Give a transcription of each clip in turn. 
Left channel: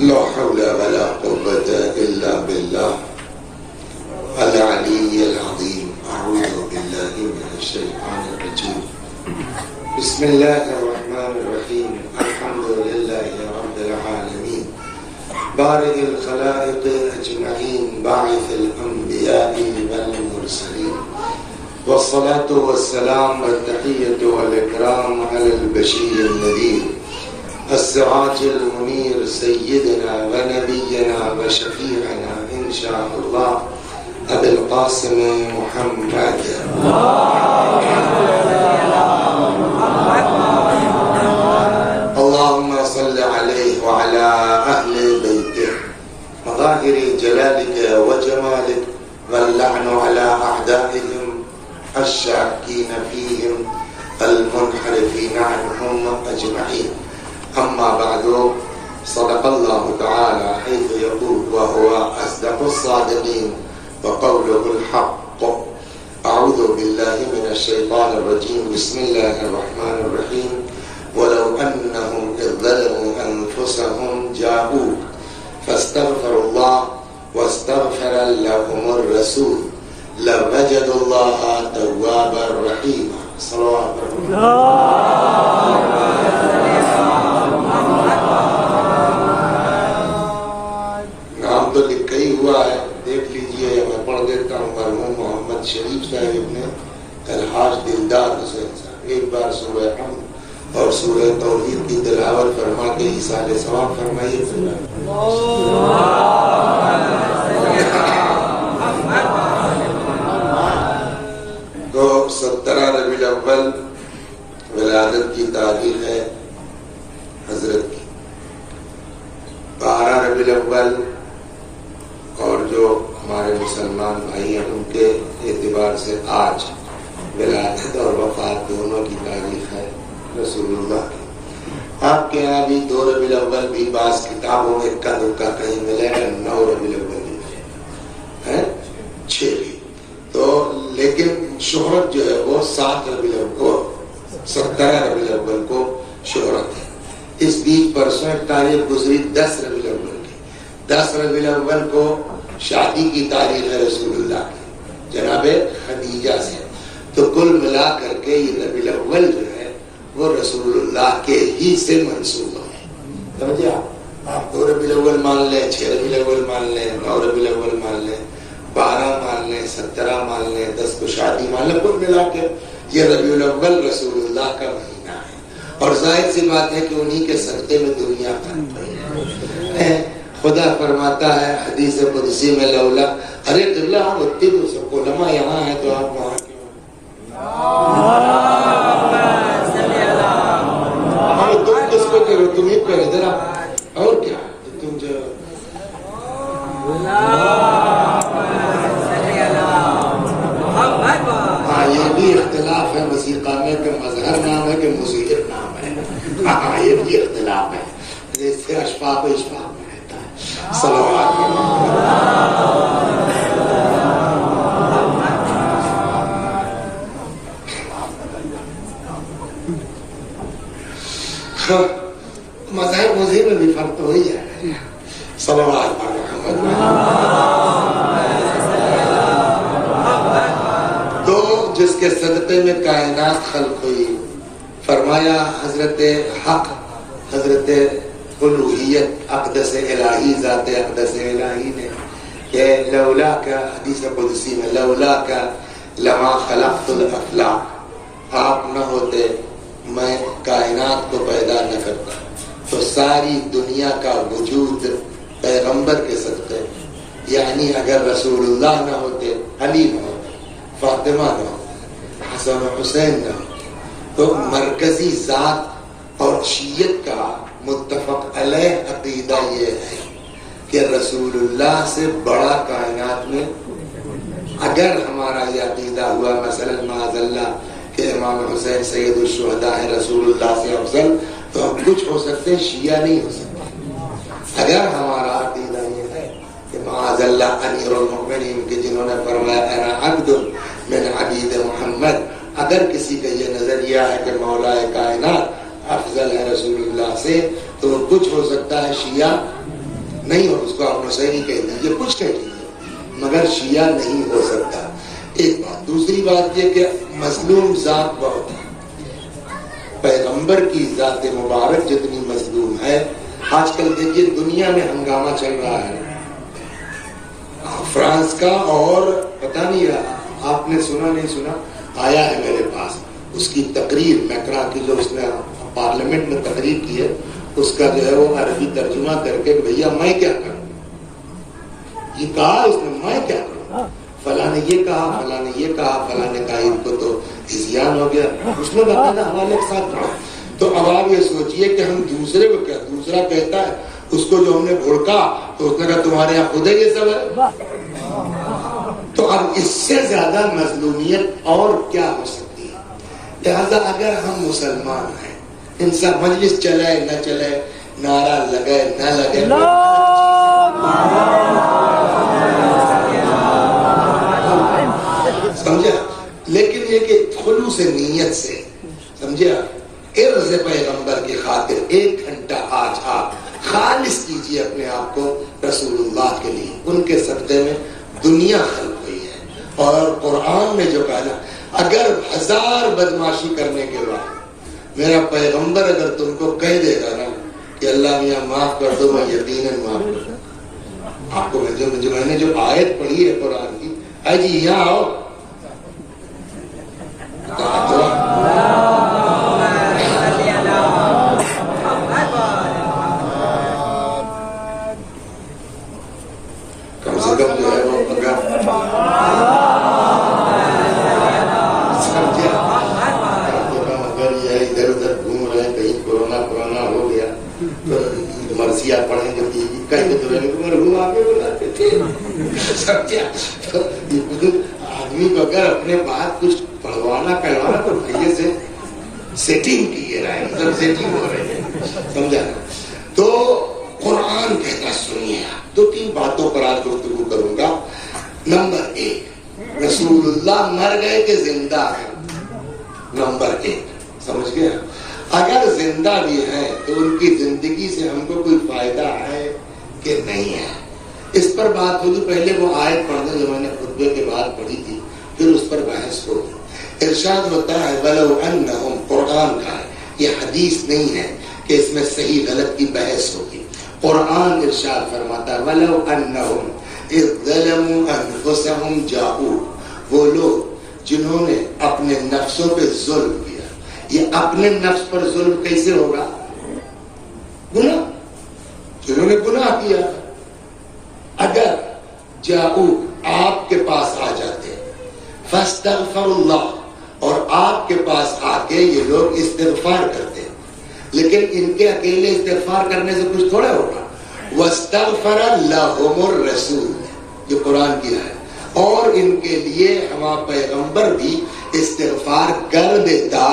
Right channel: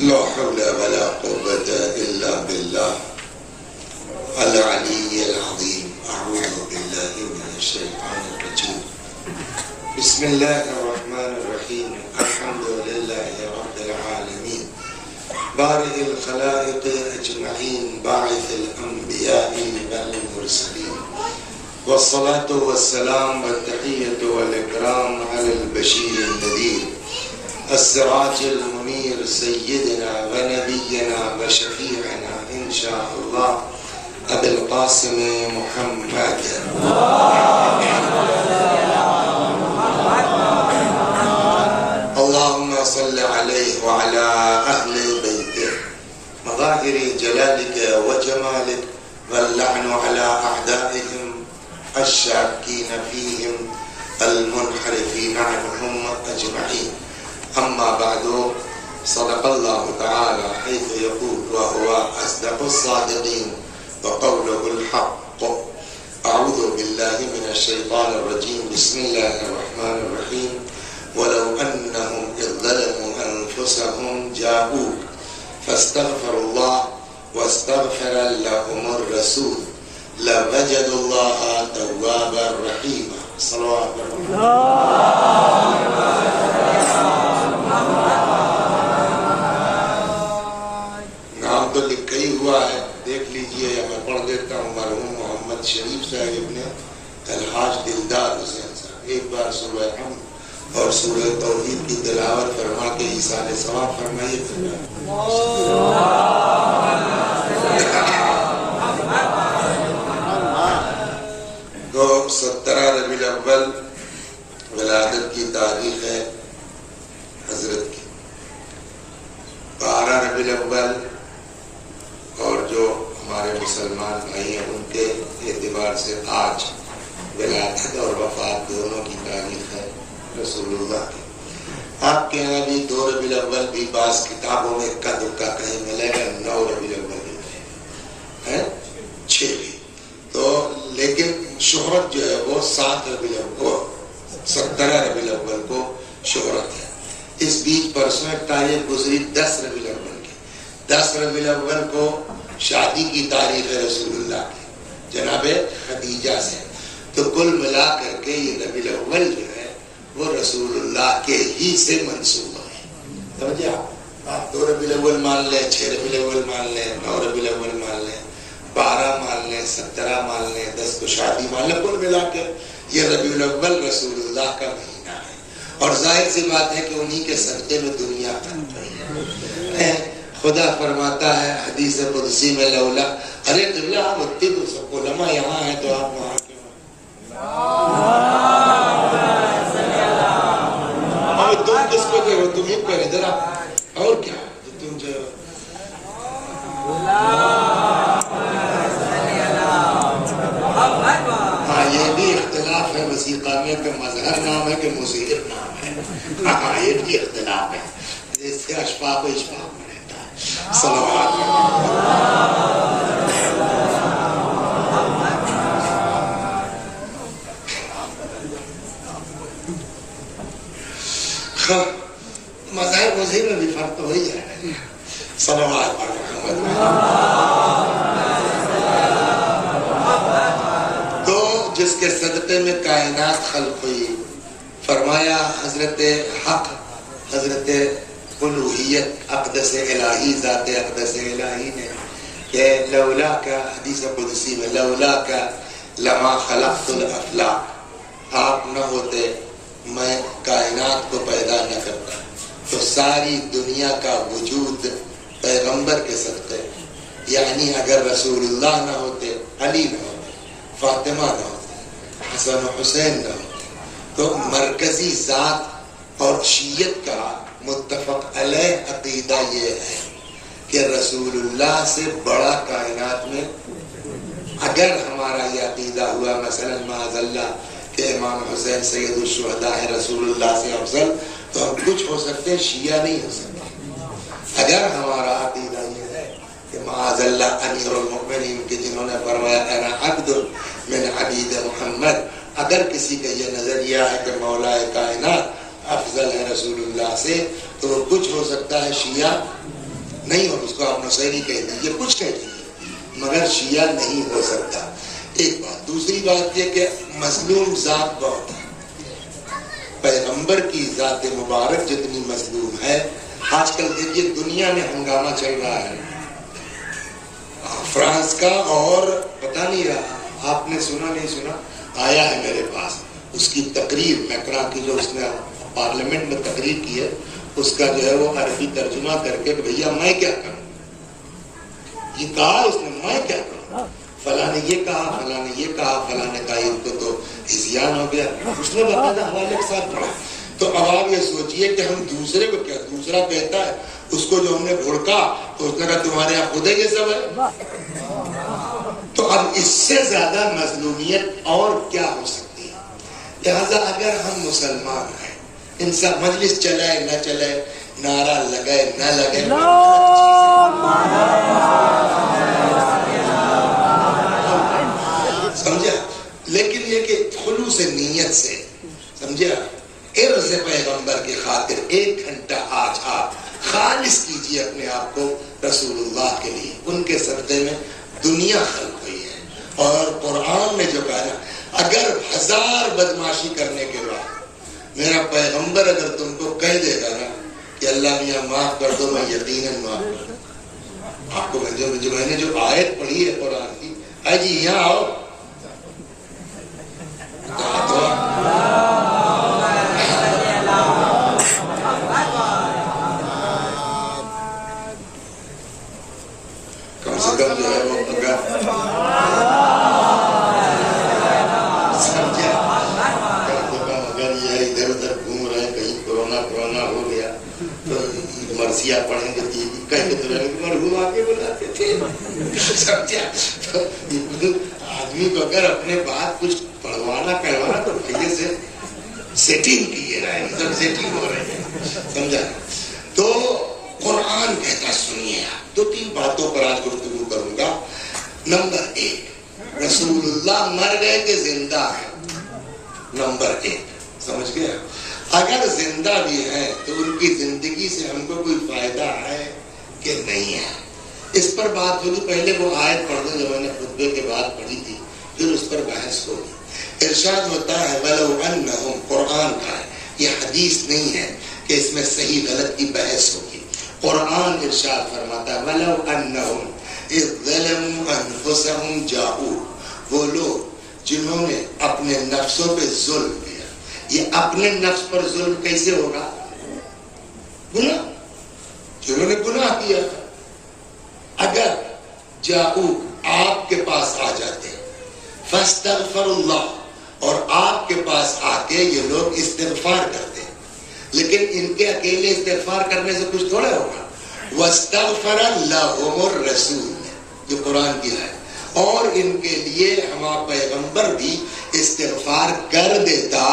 لا حول ولا قوة إلا بالله العلي العظيم. أعوذ بالله من الشيطان الرجيم. بسم الله الرحمن الرحيم. الحمد لله رب العالمين بارئ الخلائق أجمعين باعث الأنبياء والمرسلين، والصلاة والسلام والتحية والإكرام على البشير النذير السراج المنير سيدنا ونبينا وشفيعنا إن شاء الله أبي القاسم محمد. اللهم صل عليه وعلى أهل بيته مظاهر جلالك وجمالك، واللعن على أعدائهم الشاكين فيهم المنحرفين عنهم أجمعين. أما بعد، صدق الله تعالى حيث يقول وهو أصدق الصادقين وقوله الحق. أعوذ بالله من الشيطان الرجيم. بسم الله الرحمن الرحيم. ولو أنهم إذ ظلموا أنفسهم جاءوك فاستغفروا الله واستغفر لهم الرسول لوجدوا الله توابا رحيما. صلوات نام تو لکھا ہی ہوا ہے، دیکھ لیجئے، میں پڑھ دیتا ہوں. مرحوم محمد شریف صاحب نے الحاج دلدار حسین صاحب ایک بار سورہ حمد اور سورہ توحید کی تلاوت فرما کے ایصال ثواب فرمائیے. تو 17 ربیع الاول ولادت کی تاریخ ہے حضرت کی. 12 ربیع الاول اور جو ہمارے مسلمان بھائی ہیں ان کے اعتبار سے آج ولادت اور وفات دونوں کی تاریخ ہے رسول اللہ کی. آپ کے یہاں بھی 2 ربیع الاول بھی بعض کتابوں میں اکا دکا کہیں ملے ہیں، 9 ربیع الاول بھی ہے، 6 بھی تو، لیکن شہرت جو ہے وہ 7 ربیع الاول کو 17 ربیع الاول کو شہرت ہے. اس بیچ پرسوں ایک تاریخ گزری 10 ربیع الاول کی. 10 ربیع الاول کو شادی کی تاریخ ہے رسول اللہ کی جناب خدیجہ سے. تو کل ملا کر کے یہ ربیع الاول جو ہے وہ رسول اللہ کے ہی سے منسوب ہے. سمجھے آپ 2 ربیع الاول مان لیں، 6 ربیع الاول مان لیں، 9 ربیع الاول مان لیں، 12 مان لیں، 17 مان لیں، 10 کو شادی مان لیں، کل ملا کے یہ ربیع الاول رسول اللہ کا مہینہ ہے. اور ظاہر سی بات ہے کہ انہی کے صدقے میں دنیا ہے. خدا فرماتا ہے حدیث قدسی میں لولا ارے اللہ اتنے تو سب علماء یہاں ہیں تو آپ وہاں کیوں؟ تم کس کو کہہ رہے ہو؟ تم ہی پہ ذرا اور کیا تم جو یہ بھی اختلاف ہے موسیقی میں کہ مظہر نام ہے کہ موسیقی نام ہے. یہ بھی اختلاف ہے، جیسے اشفاق و اشفاق میں رہتا ہے. صلوات مظہر مظہر میں بھی فرق تو ہو ہی جائے گا. صلوات جس کے صدقے میں کائنات خلق ہوئی. فرمایا حضرت حق، حضرت الوہیت اقدس الہی، ذات اقدس الہی نے کہ لولا کا، حدیث قدسی میں لولا کا لما خلقت الافلاق، آپ نہ ہوتے میں کائنات کو پیدا نہ کرتا. تو ساری دنیا کا وجود پیغمبر کے صدقے، یعنی اگر رسول اللہ نہ ہوتے، علی نہ ہوتے، فاطمہ نہ ہوتے، حسن و حسین نہ ہوتے، تو مرکزی ذات اور شیعت کا متفق علیہ عقیدہ یہ ہے کہ رسول اللہ سے بڑا کائنات میں، اگر ہمارا یہ عقیدہ ہوا مثلا معاذ اللہ کہ امام حسین سید الشہداء ہیں رسول اللہ سے افضل، تو ہم کچھ ہو سکتے، شیعہ نہیں ہو سکتے. اگر ہمارا عقیدہ یہ ہے کہ معاذ اللہ امیر المؤمنین کے جنہوں نے فرمایا انا عبد من عبید محمد، اگر کسی کا یہ نظریہ ہے کہ مولا کائنات افضل ہے رسول اللہ سے، تو وہ کچھ ہو سکتا ہے شیعہ نہیں ہو اس کو آپ نصیری کہہ دیجیے، کچھ کہہ دیجیے، مگر شیعہ نہیں ہو سکتا. ایک بات. دوسری بات یہ کہ مظلوم ذات بہت ہے. پیغمبر کی ذات مبارک جتنی مظلوم ہے. آج کل دیکھیے دنیا میں ہنگامہ چل رہا ہے فرانس کا، اور پتہ نہیں رہا آپ نے سنا نہیں سنا، آیا ہے میرے پاس اس کی تقریر میکرا کی، جو اس نے پارلیمنٹ میں تقریر کی ہے، اس کا جو ہے وہ عربی ترجمہ کر کے بھیا میں کیا کروں. یہ کہا اس نے میں کیا کروں، فلاں نے یہ کہا، فلاں نے یہ کہا، فلاں نے کہا، ان کو تو ہذیان ہو گیا. اس نے باقاعدہ حوالے کے ساتھ پڑھا. تو اب آپ یہ سوچئے کہ ہم دوسرے کو کیا، دوسرا کہتا ہے اس کو جو ہم نے بھڑکا تو اس نے کہا تمہارے یہاں خود یہ سب ہے. تو اب اس سے زیادہ مظلومیت اور کیا ہو سکتی ہے. لہذا اگر ہم مسلمان ہیں، انسان مجلس چلے نہ چلے، نعرہ لگے نہ لگے، سمجھا، لیکن یہ کہ خلوص نیت سے، سمجھا، عرض پیغمبر کی خاطر 1 گھنٹہ آج آپ خالص کیجیے اپنے آپ کو رسول اللہ کے لیے. ان کے صدقے میں دنیا خلق ہوئی ہے. اور قرآن نے جو کہا نا، اگر 1000 بدماشی کرنے کے بعد میرا پیغمبر اگر تم کو کہہ دے گا نا کہ اللہ میاں معاف کر دو، میں یقیناً معاف کر دوں. آپ کو میں نے جو آیت پڑھی ہے قرآن کی، جی یہاں آؤ، کم سے کم جو ہے وہ اگر یہ ادھر ادھر گھوم رہے ہیں، کہیں کورونا ہو گیا تو مرثیہ پڑھیں گے، کہیں تو مرحوم آگے بلاتے تھے. سمجھا، آدمی کو اگر اپنے بات کچھ پڑھوانا کروانا تو پہلے سے سیٹنگ کیے رہے، مطلب سیٹنگ ہو رہی ہے. سمجھا. تو قرآن کہتا سنیے، 2-3 باتوں پر آج گفتگو کروں گا. نمبر 1، رسول اللہ مر گئے کہ زندہ ہے. نمبر 1 سمجھ گئے. اگر زندہ بھی ہیں تو ان کی زندگی سے ہم کو کوئی فائدہ ہے کہ نہیں ہے، اس پر بات ہوگی. پہلے وہ آیت پڑھنا جو میں نے خطبے کے بعد پڑھی تھی، پھر اس پر بحث ہوگی. ارشاد ہوتا ہے وَلَوْ أَنَّهُمْ، قرآن کا ہے، یہ حدیث نہیں ہے کہ اس میں صحیح غلط کی بحث ہوگی. قرآن ارشاد فرماتا ہے وَلَوْ أَنَّهُمْ إِذْ ظَلَمُوا أَنفُسَهُمْ جَاءُوا، وہ لوگ جنہوں نے اپنے نفسوں پہ ظلم کیا. یہ اپنے نفس پر ظلم کیسے ہوگا؟ گناہ، جنہوں نے گناہ کیا. اگر جاؤ، آپ کے پاس آ جاتے، فاستغفر اللہ، اور آپ کے پاس آ کے یہ لوگ استغفار کرتے، لیکن ان کے اکیلے استغفار کرنے سے کچھ تھوڑا ہوگا. واستغفر لهم الرسول، جو قرآن کی ہے، اور ان کے لیے ہمارا پیغمبر بھی استغفار کر دیتا،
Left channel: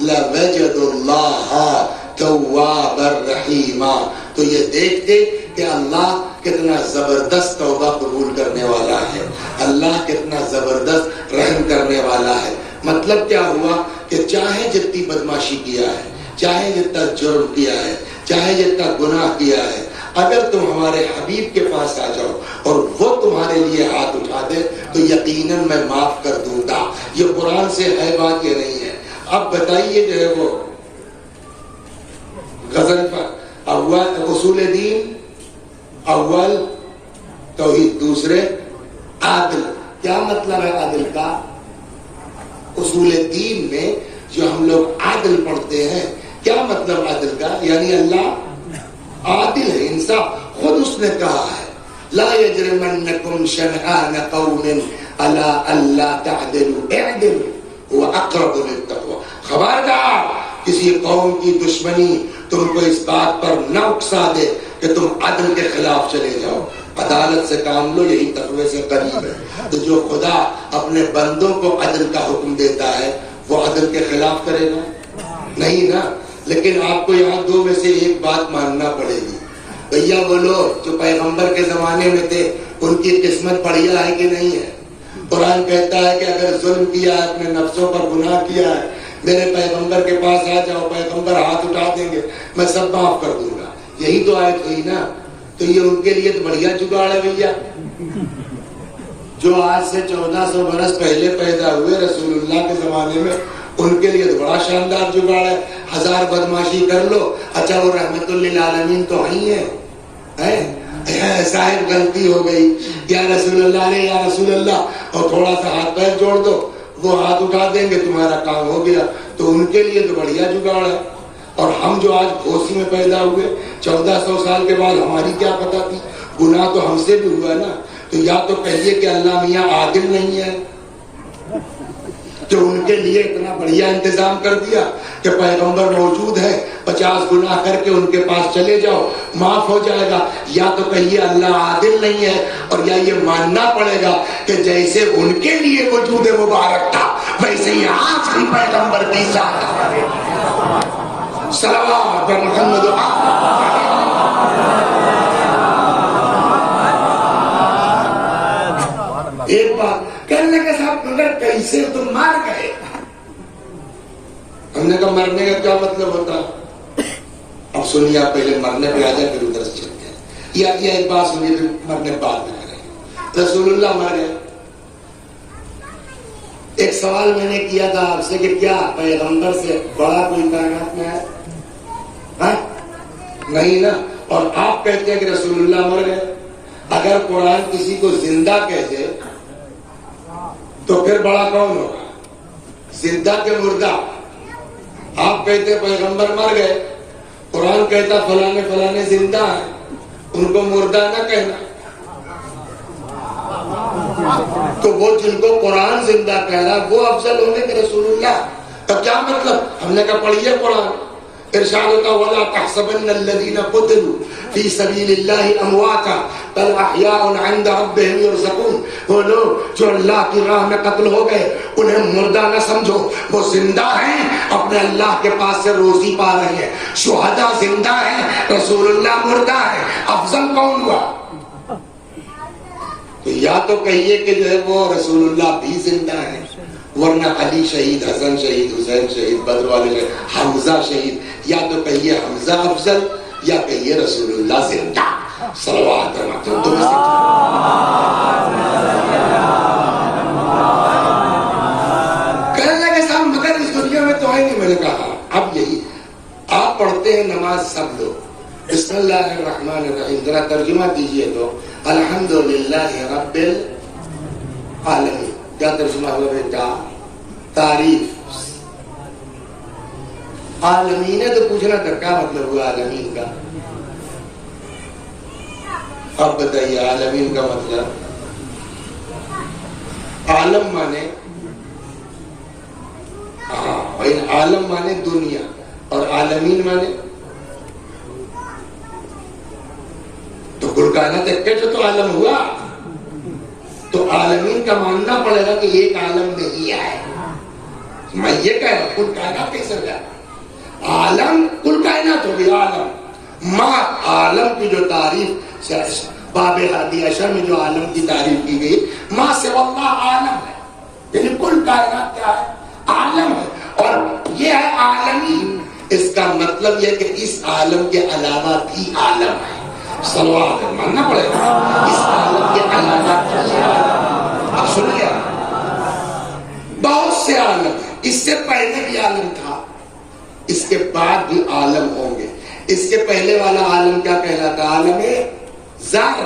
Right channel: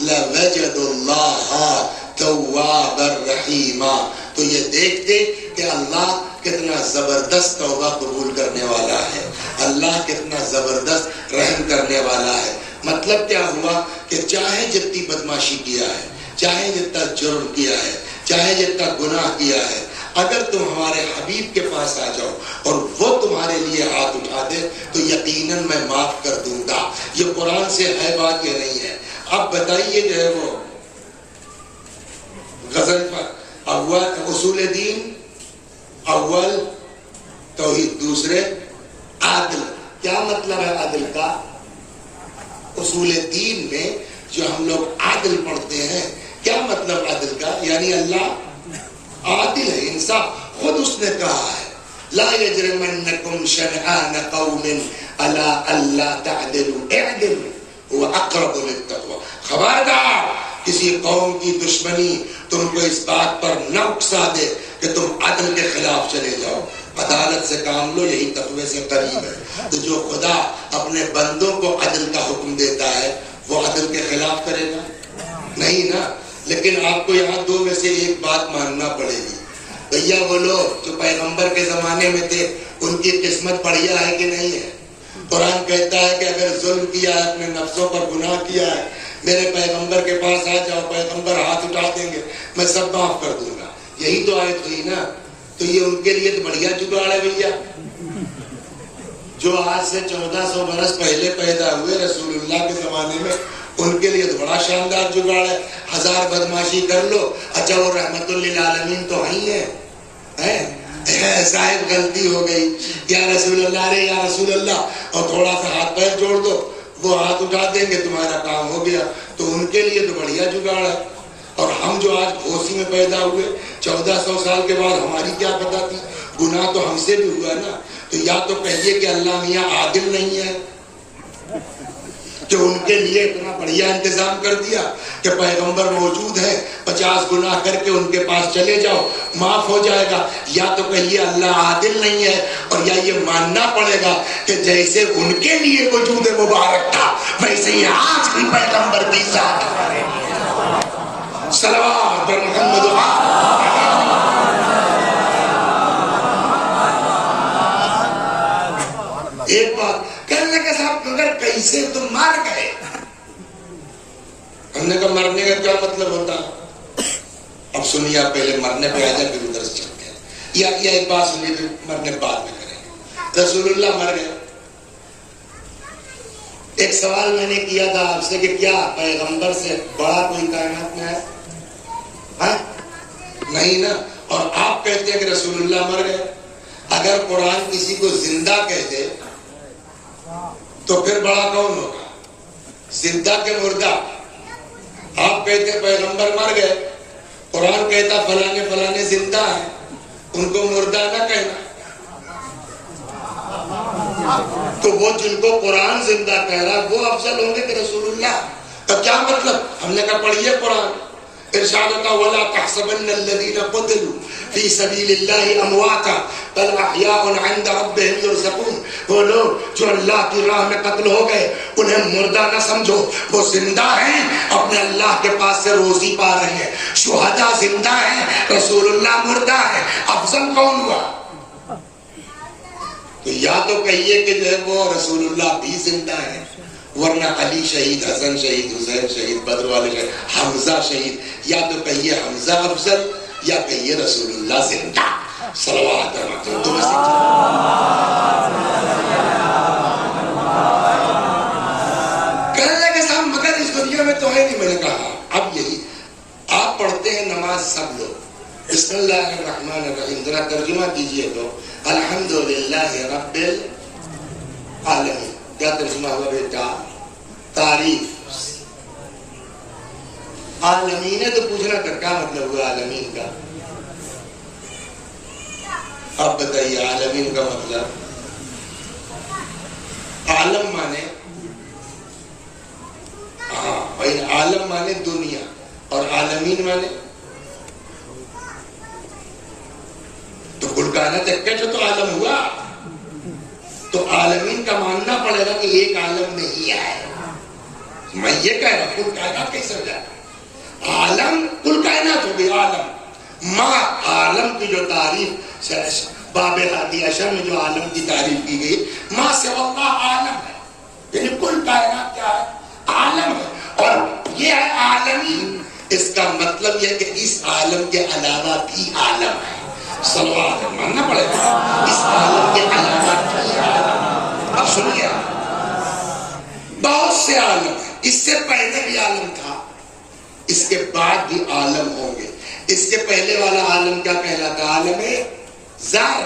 لوجد اللہ توابا رحیما، تو یہ دیکھتے کہ اللہ کتنا زبردست توبہ قبول کرنے والا ہے، اللہ کتنا زبردست رحم کرنے والا ہے. مطلب کیا ہوا کہ چاہے جتنی بدماشی کیا ہے، چاہے جتنا جرم کیا ہے، چاہے جتنا گناہ کیا ہے، اگر تم ہمارے حبیب کے پاس آ جاؤ اور وہ تمہارے لیے ہاتھ اٹھا دے تو یقیناً میں معاف کر دوں گا. یہ قرآن سے ہے بات، یہ نہیں ہے. اب بتائیے جو ہے وہ غزل پر اول اصول دین، اول توحید، دوسرے عادل. کیا مطلب ہے عادل کا؟ اصول دین میں جو ہم لوگ عادل پڑھتے ہیں، کیا مطلب عادل کا؟ یعنی اللہ عادل ہے، انصاف. خود اس نے کہا ہے لا یجرمنکم شنآن قوم علی الا تعدلوا اعدلوا هو اقرب للتقوی. خبردار کسی قوم کی دشمنی تم کو اس بات پر نہ اکسا دے کہ تم عدل کے خلاف چلے جاؤ. عدالت سے کام لو، یہی تقوی سے قریب ہے. تو جو خدا اپنے بندوں کو عدل کا حکم دیتا ہے وہ عدل کے خلاف کرے گا؟ نہیں نا. لیکن آپ کو یہاں 2 میں سے ایک بات ماننا پڑے گی. بھیا وہ لوگ جو پیغمبر کے زمانے میں تھے ان کی قسمت بڑھیا ہے کہ نہیں ہے؟ قرآن کہتا ہے کہ اگر ظلم کیا ہے، اپنے نفسوں پر گناہ کیا ہے، میرے پیغمبر کے پاس آ جاؤ، پیغمبر ہاتھ اٹھا دیں گے، میں سب معاف کر دوں گا. یہی تو آیت ہوئی نا. تو یہ ان کے لیے تو بڑھیا جگاڑ ہے بھیا. جو آج سے 1400 برس پہلے پیدا ہوئے رسول اللہ کے زمانے میں, ان کے لیے تو بڑا شاندار جگاڑ ہے. 1000 بدماشی کر لو, اچھا وہ رحمت للعالمین تو ہی ہے. صاحب غلطی ہو گئی, یا رسول اللہ علیہ یا رسول اللہ, اور تھوڑا سا ہاتھ پیر جوڑ دو, وہ ہاتھ اٹھا دیں گے, تمہارا کام ہو گیا. تو ان کے لیے تو بڑھیا جگاڑ ہے. اور ہم جو آج گھوسی میں پیدا ہوئے 1400 سال کے بعد, ہماری کیا پتہ تھی؟ گناہ تو ہم سے بھی ہوا نا. تو یا تو کہیے کہ اللہ میاں عادل نہیں ہے کہ ان کے لیے اتنا بڑھیا انتظام کر دیا کہ پیغمبر موجود ہے, 50 گناہ کر کے ان کے پاس چلے جاؤ, معاف ہو جائے گا. یا تو کہیے اللہ عادل نہیں ہے, اور یا یہ ماننا پڑے گا کہ جیسے ان کے لیے وجود مبارک تھا ویسے ہی آج بھی پیغمبر کی ذات صلوات محمد. ایک بات کہنے لگے صاحب اگر کیسے تم مار گئے, ہم نے کہا مرنے کا کیا مطلب ہوتا؟ اب سنیے, آپ پہلے مرنے پہ آ جائیں پھر ادھر سے چلتے ہیں. یا ایک بات سنیے, پھر مرنے بعد میں کریں. رسول اللہ مر گئے. ایک سوال میں نے کیا تھا آپ سے کہ کیا پیغمبر سے بڑا کوئی کائنات میں ہے؟ نہیں نا. اور آپ کہتے ہیں کہ رسول اللہ مر گئے. اگر قرآن کسی کو زندہ کہہ دے تو پھر بڑا کون ہوگا؟ زندہ کے مردہ. آپ کہتے ہیں پیغمبر مر گئے, قرآن کہتا فلانے فلانے زندہ ہیں, ان کو مردہ نہ کہنا. تو وہ جن کو قرآن زندہ کہہ رہا وہ افضل ہونے کے رسول اللہ. تو کیا مطلب؟ ہم نے کہا پڑھیے قرآن. ارشاد ہوتا وَلَا تَحْسَبَنَّ الَّذِينَ قُتِلُوا فِي سَبِيلِ اللَّهِ أَمْوَاتًا بَلْ أَحْيَاءٌ عِندَ رَبِّهِمْ يُرْزَقُونَ. وہ لوگ جو اللہ کی راہ میں قتل ہو گئے انہیں مردہ نہ سمجھو, وہ زندہ ہیں, اپنے اللہ کے پاس سے روزی پا رہے ہیں. شہداء زندہ ہیں, رسول اللہ مردہ ہے. افضل کون ہوا؟ یا تو کہیے کہ جو ہے وہ رسول اللہ بھی زندہ ہے, ورنہ علی شہید, حسن شہید, حسین شہید, بدر والے شہید, حمزہ شہید. یا تو کہیے حمزہ افضل, یا کہیے رسول اللہ زندہ. صلوات کہنے لگے صاحب مگر اس دنیا میں تو ہے نہیں. میں نے کہا اب یہی آپ پڑھتے ہیں نماز سب لوگ, بسم اللہ الرحمن الرحیم, ذرا ترجمہ کیجئے تو الحمدللہ رب العالمین. کیا ترجمہ ہوا بیٹا؟ تعریف. عالمین ہے تو پوچھنا کر کیا مطلب ہوا عالمین کا؟ آپ بتائیے عالمین کا مطلب. عالم مانے عالم مانے دنیا, اور عالمین مانے تو کل کائنات ایک تو عالم ہوا. تو عالمین کا ماننا پڑے گا کہ ایک عالم نہیں ہے. میں یہ کہہ رہا کل کائنات کیسے ہو جاتا؟ عالم کل کائنات ہوگی. عالم ماں عالم کی جو تعریف باب ہادی عشر میں جو عالم کی تعریف کی گئی, ماں سے اللہ عالم ہے, یعنی کل کائنات کیا ہے؟ عالم ہے. اور یہ ہے عالمی, اس کا مطلب یہ کہ اس عالم کے علاوہ بھی عالم ہے. صلوات ماننا پڑے گا اس عالم کے علاوہ. اب سنیے, بہت سے عالم ہیں. اس سے پہلے بھی عالم تھا, اس کے بعد بھی عالم ہوں گے. اس کے پہلے والا عالم کیا کہلاتا؟ عالم ذر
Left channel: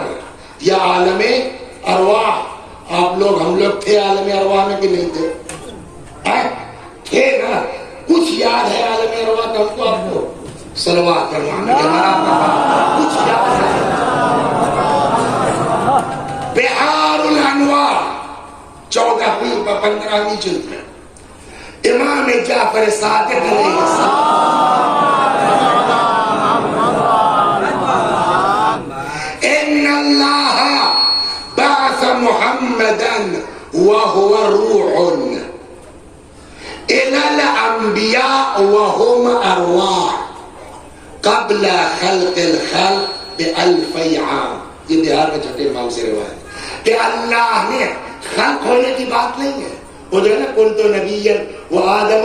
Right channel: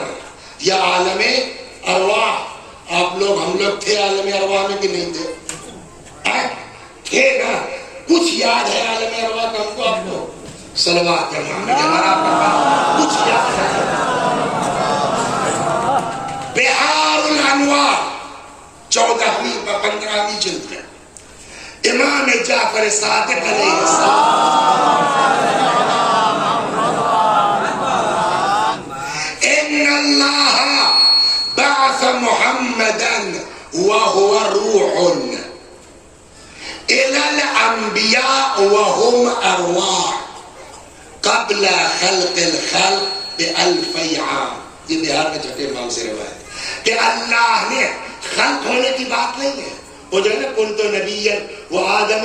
یا عالم ارواح. آپ لوگ ہم لوگ تھے عالم ارواح میں کہ نہیں تھے؟ تھے نا. کچھ یاد ہے عالم ارواح کا ہم کو؟ آپ کو صلوات کچھ یاد ہے؟ بحار الانوار 14ویں 15ویں جلد میں امام جعفر صادق علیہ السلام ان اللہ بعث محمدا وهو روح الى الانبیاء وهم ارواح قبل خلق الخلق بألفی عام. یہ بہار کا چھٹے امام سے روایت کہ اللہ نے خلق ہونے کی بات نہیں ہے. وہ جو ہے نا کنت نبیا وآدم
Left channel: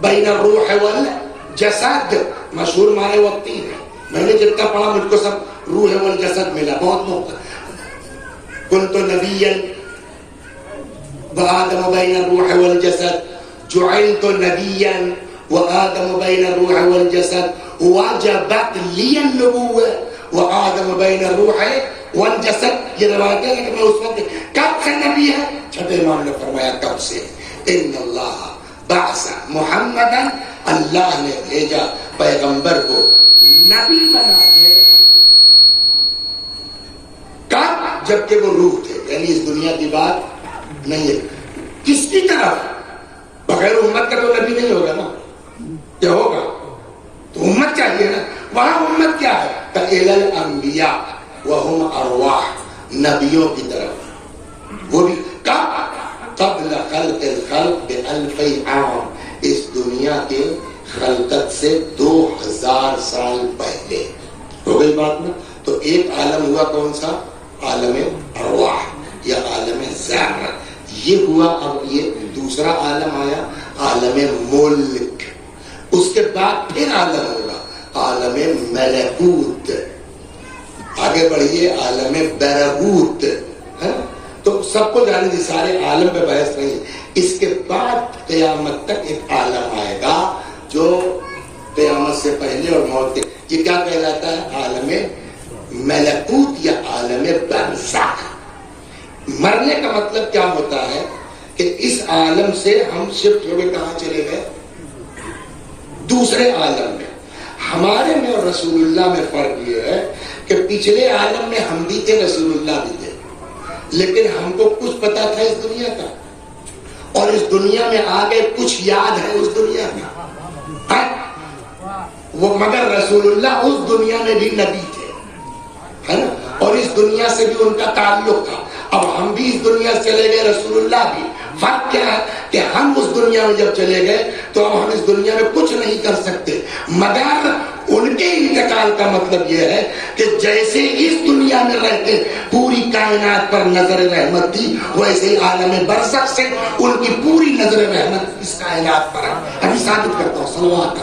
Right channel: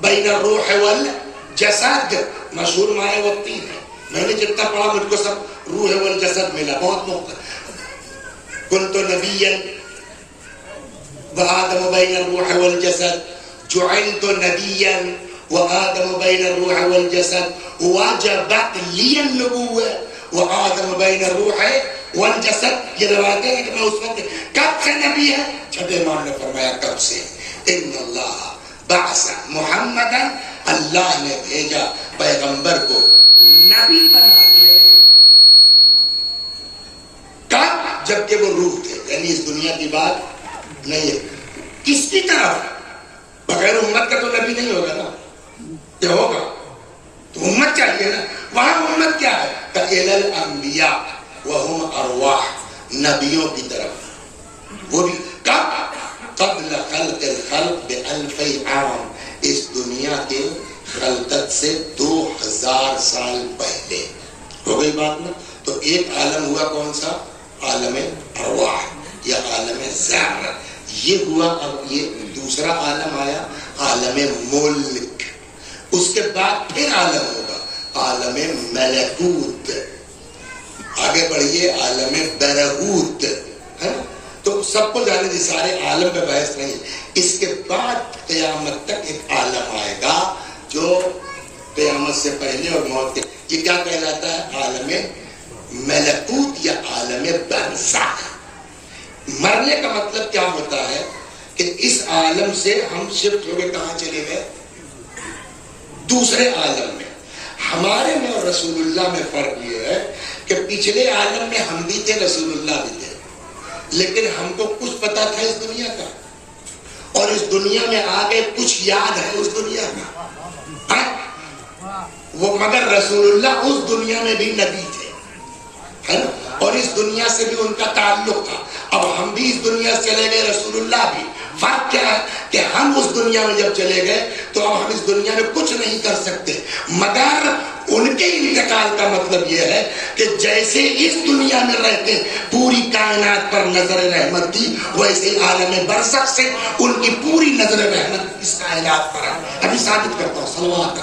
بین الروح والجسد, مشہور مائے وقتی ہے. میں نے جتنا پڑھا مجھ کو سب روح والجسد ملا, بہت محبت. كنت نبيا وآدم بين الروح والجسد, جعلت نبيا وآدم بين الروح والجسد, وجبت لي النبوة وآدم بين الروح والجسد. یہ روایت ہے کہ میں اس وقت کب سے نبی ہے؟ جب امام نے فرمایا کب سے. ان اللہ بعث محمدا, اللہ نے بھیجا پیغمبر کو نبی بنا کے. کب؟ جبکہ وہ روح تھے, یعنی اس دنیا کی بات نہیں ہے. کس کی طرف؟ بغیر امت کا تو نبی نہیں ہوگا نا, کیا ہوگا؟ تو امت چاہیے نا. وہاں امت کیا ہے؟ الی الانبیاء وہم ارواح, نبیوں کی طرف. وہ بھی کب؟ قبل خلق الخلق بألف عام, اس دنیا کے خلقت سے 2000 سال پہلے. ہو گئی بات نا. تو ایک عالم ہوا کون سا؟ عالم ارواح یا عالم ذر. یہ ہوا. اب یہ دوسرا عالم آیا عالم ملک. اس کے بعد پھر عالم ہوگا عالم ملکوت. آگے بڑھیے عالم برہوت. تو سب کو جانے دی, سارے عالم پہ بحث نہیں. اس کے بعد قیامت تک ایک عالم آئے گا جو قیامت سے پہلے اور موت کے. یہ کیا کہلاتا ہے؟ عالم ملکوت یا عالم برزخ. مرنے کا مطلب کیا ہوتا ہے کہ اس عالم سے ہم شفٹ ہو گئے, کہاں چلے گئے؟ دوسرے عالم میں. ہمارے میں اور رسول اللہ میں فرق یہ ہے کہ پچھلے عالم میں ہم بھی تھے, رسول اللہ بھی تھے, لیکن ہم کو کچھ پتا تھا اس دنیا کا, اور اس دنیا میں آگے کچھ یاد ہے اس دنیا کا. وہ مگر رسول اللہ اس دنیا میں بھی نبی تھے, ہے نا, اور اس دنیا سے بھی ان کا تعلق تھا. اب ہم بھی اس دنیا سے چلے گئے, رسول اللہ بھی. فرق کیا ہے کہ ہم اس دنیا میں جب چلے گئے تو اب ہم اس دنیا میں کچھ نہیں کر سکتے, مگر ان کے انتقال کا مطلب یہ ہے کہ جیسے اس دنیا میں رہتے پوری کائنات پر نظر رحمت تھی, ویسے ہی عالم برزخ سے ان کی پوری نظر رحمت اس کائنات پر ہے. ابھی ثابت کرتا ہوں, صلوات کا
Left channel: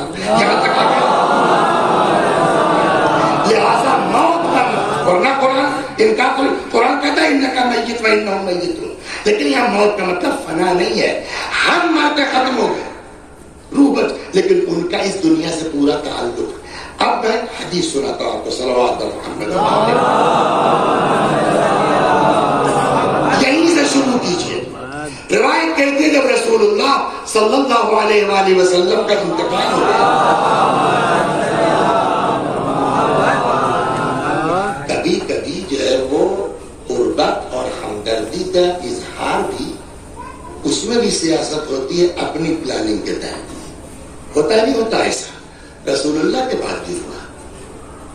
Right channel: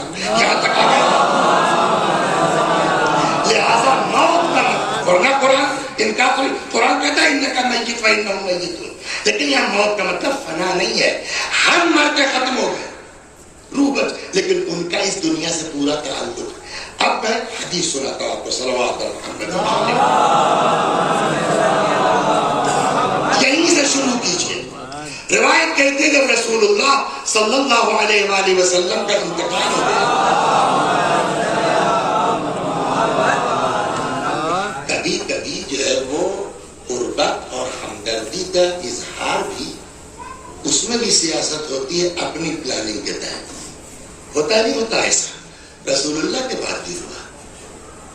لہذا موت کا ورنہ قرآن کہتا ہے انکا میت و انہم میتون, لیکن یہاں موت کا مطلب فنا نہیں ہے. ہم مر کے ختم ہو گئے, روح بچ, لیکن ان کا اس دنیا سے پورا تعلق. اب میں حدیث سناتا ہوں آپ کو, صلوات محمد. یہیں سے شروع کیجیے. روایت کہتے ہیں جب رسول اللہ صلی اللہ علیہ وآلہ وسلم کا انتقال ہو گیا, کبھی کبھی جو ہے وہ قربت اور ہمدردی کا اظہار بھی, اس میں بھی سیاست ہوتی ہے اپنی پلاننگ کے تحت. ہوتا ہے نہیں ہوتا ایسا؟ رسول اللہ کے بعد بھی ہوا.